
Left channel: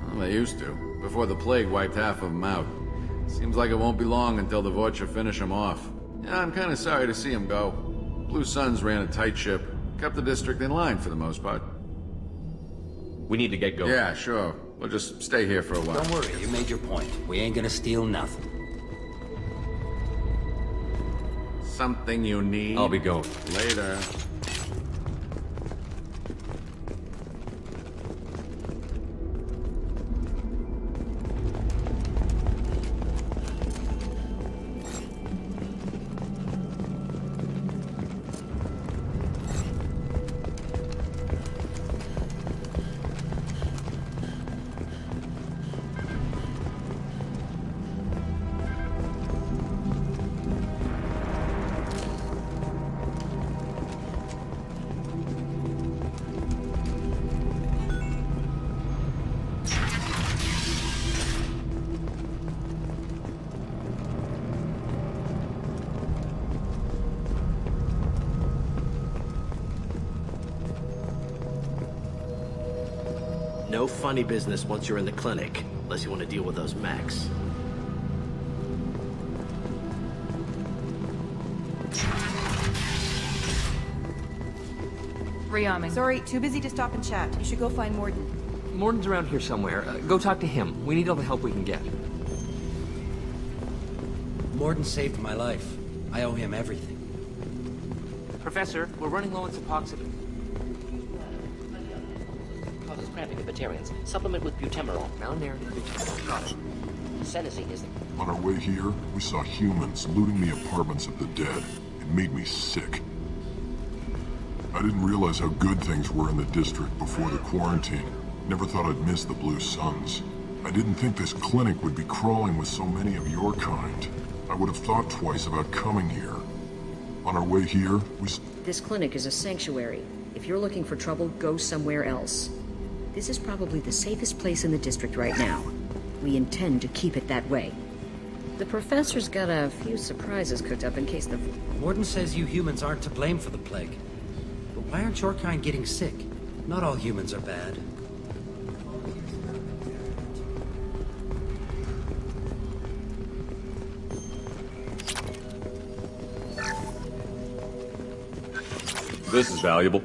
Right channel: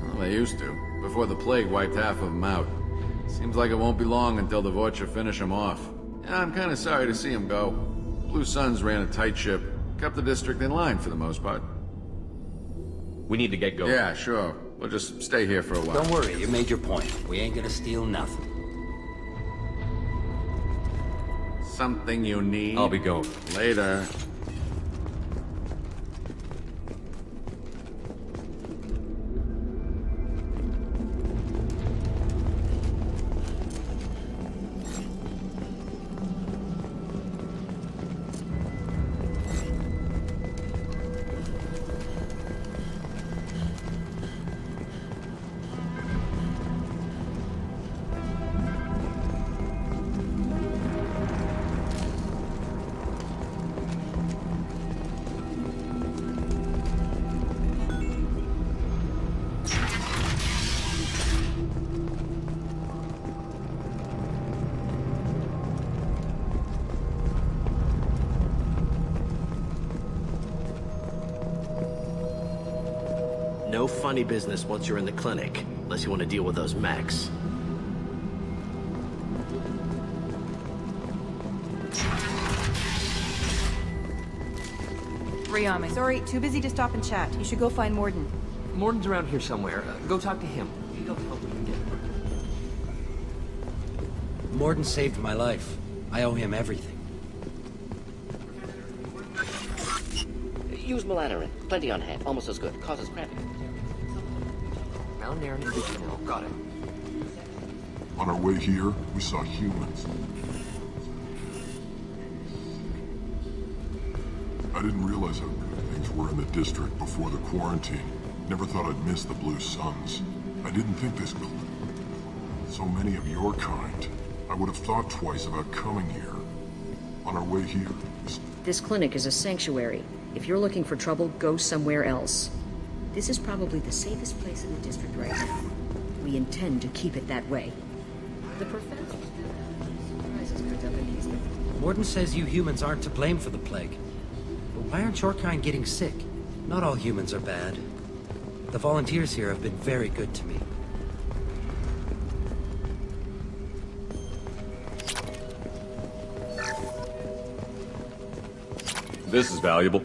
Well, they used to, before the plague wiped half of them out. Seems like it won't be long until the Vorcha finish them off. Yeah, I'm kinda sorry to see them go. Blue Suns ran a tight ship, kept the district in line for the most part. We need to get going. Yeah, sure. We'll just stay here for a while. Don't worry, you made your point. We ain't gonna steal nothing. Something you need? I'll be going. Later. No funny business once you're in the clinic, unless you want to deal with those mechs. Rearming. Sorry, too busy to stop and chat. You should go find Morden. Morden's around here somewhere. Go talk to him. We need all the help we can get. Morden saved my life. I owe him everything. Professor, we're running low on toxins. Use melatonin. Plenty on hand. Almost as good. Causes cramping in vegetarians. Supplement with butemerol. Malnarin and butemerol. Got it. Senesine is... On our way here, we saw humans looting the apartments of the dead. It made me sick. I didn't realize how good things were in the district before the quarantine. Never thought I'd miss the Blue Suns. I didn't think this clinic would be crawling with so many of your kind. I would have thought twice about coming here. On our way here, we... This clinic is a sanctuary. If you're looking for trouble, go somewhere else. This is probably the safest place in the district right now. We intend to keep it that way. The professor's got a few surprises cooked up in case the... Morden says you humans aren't to blame for the plague. But why aren't your kind getting sick? Not all humans are bad. The volunteers here have been very good to me. This is valuable.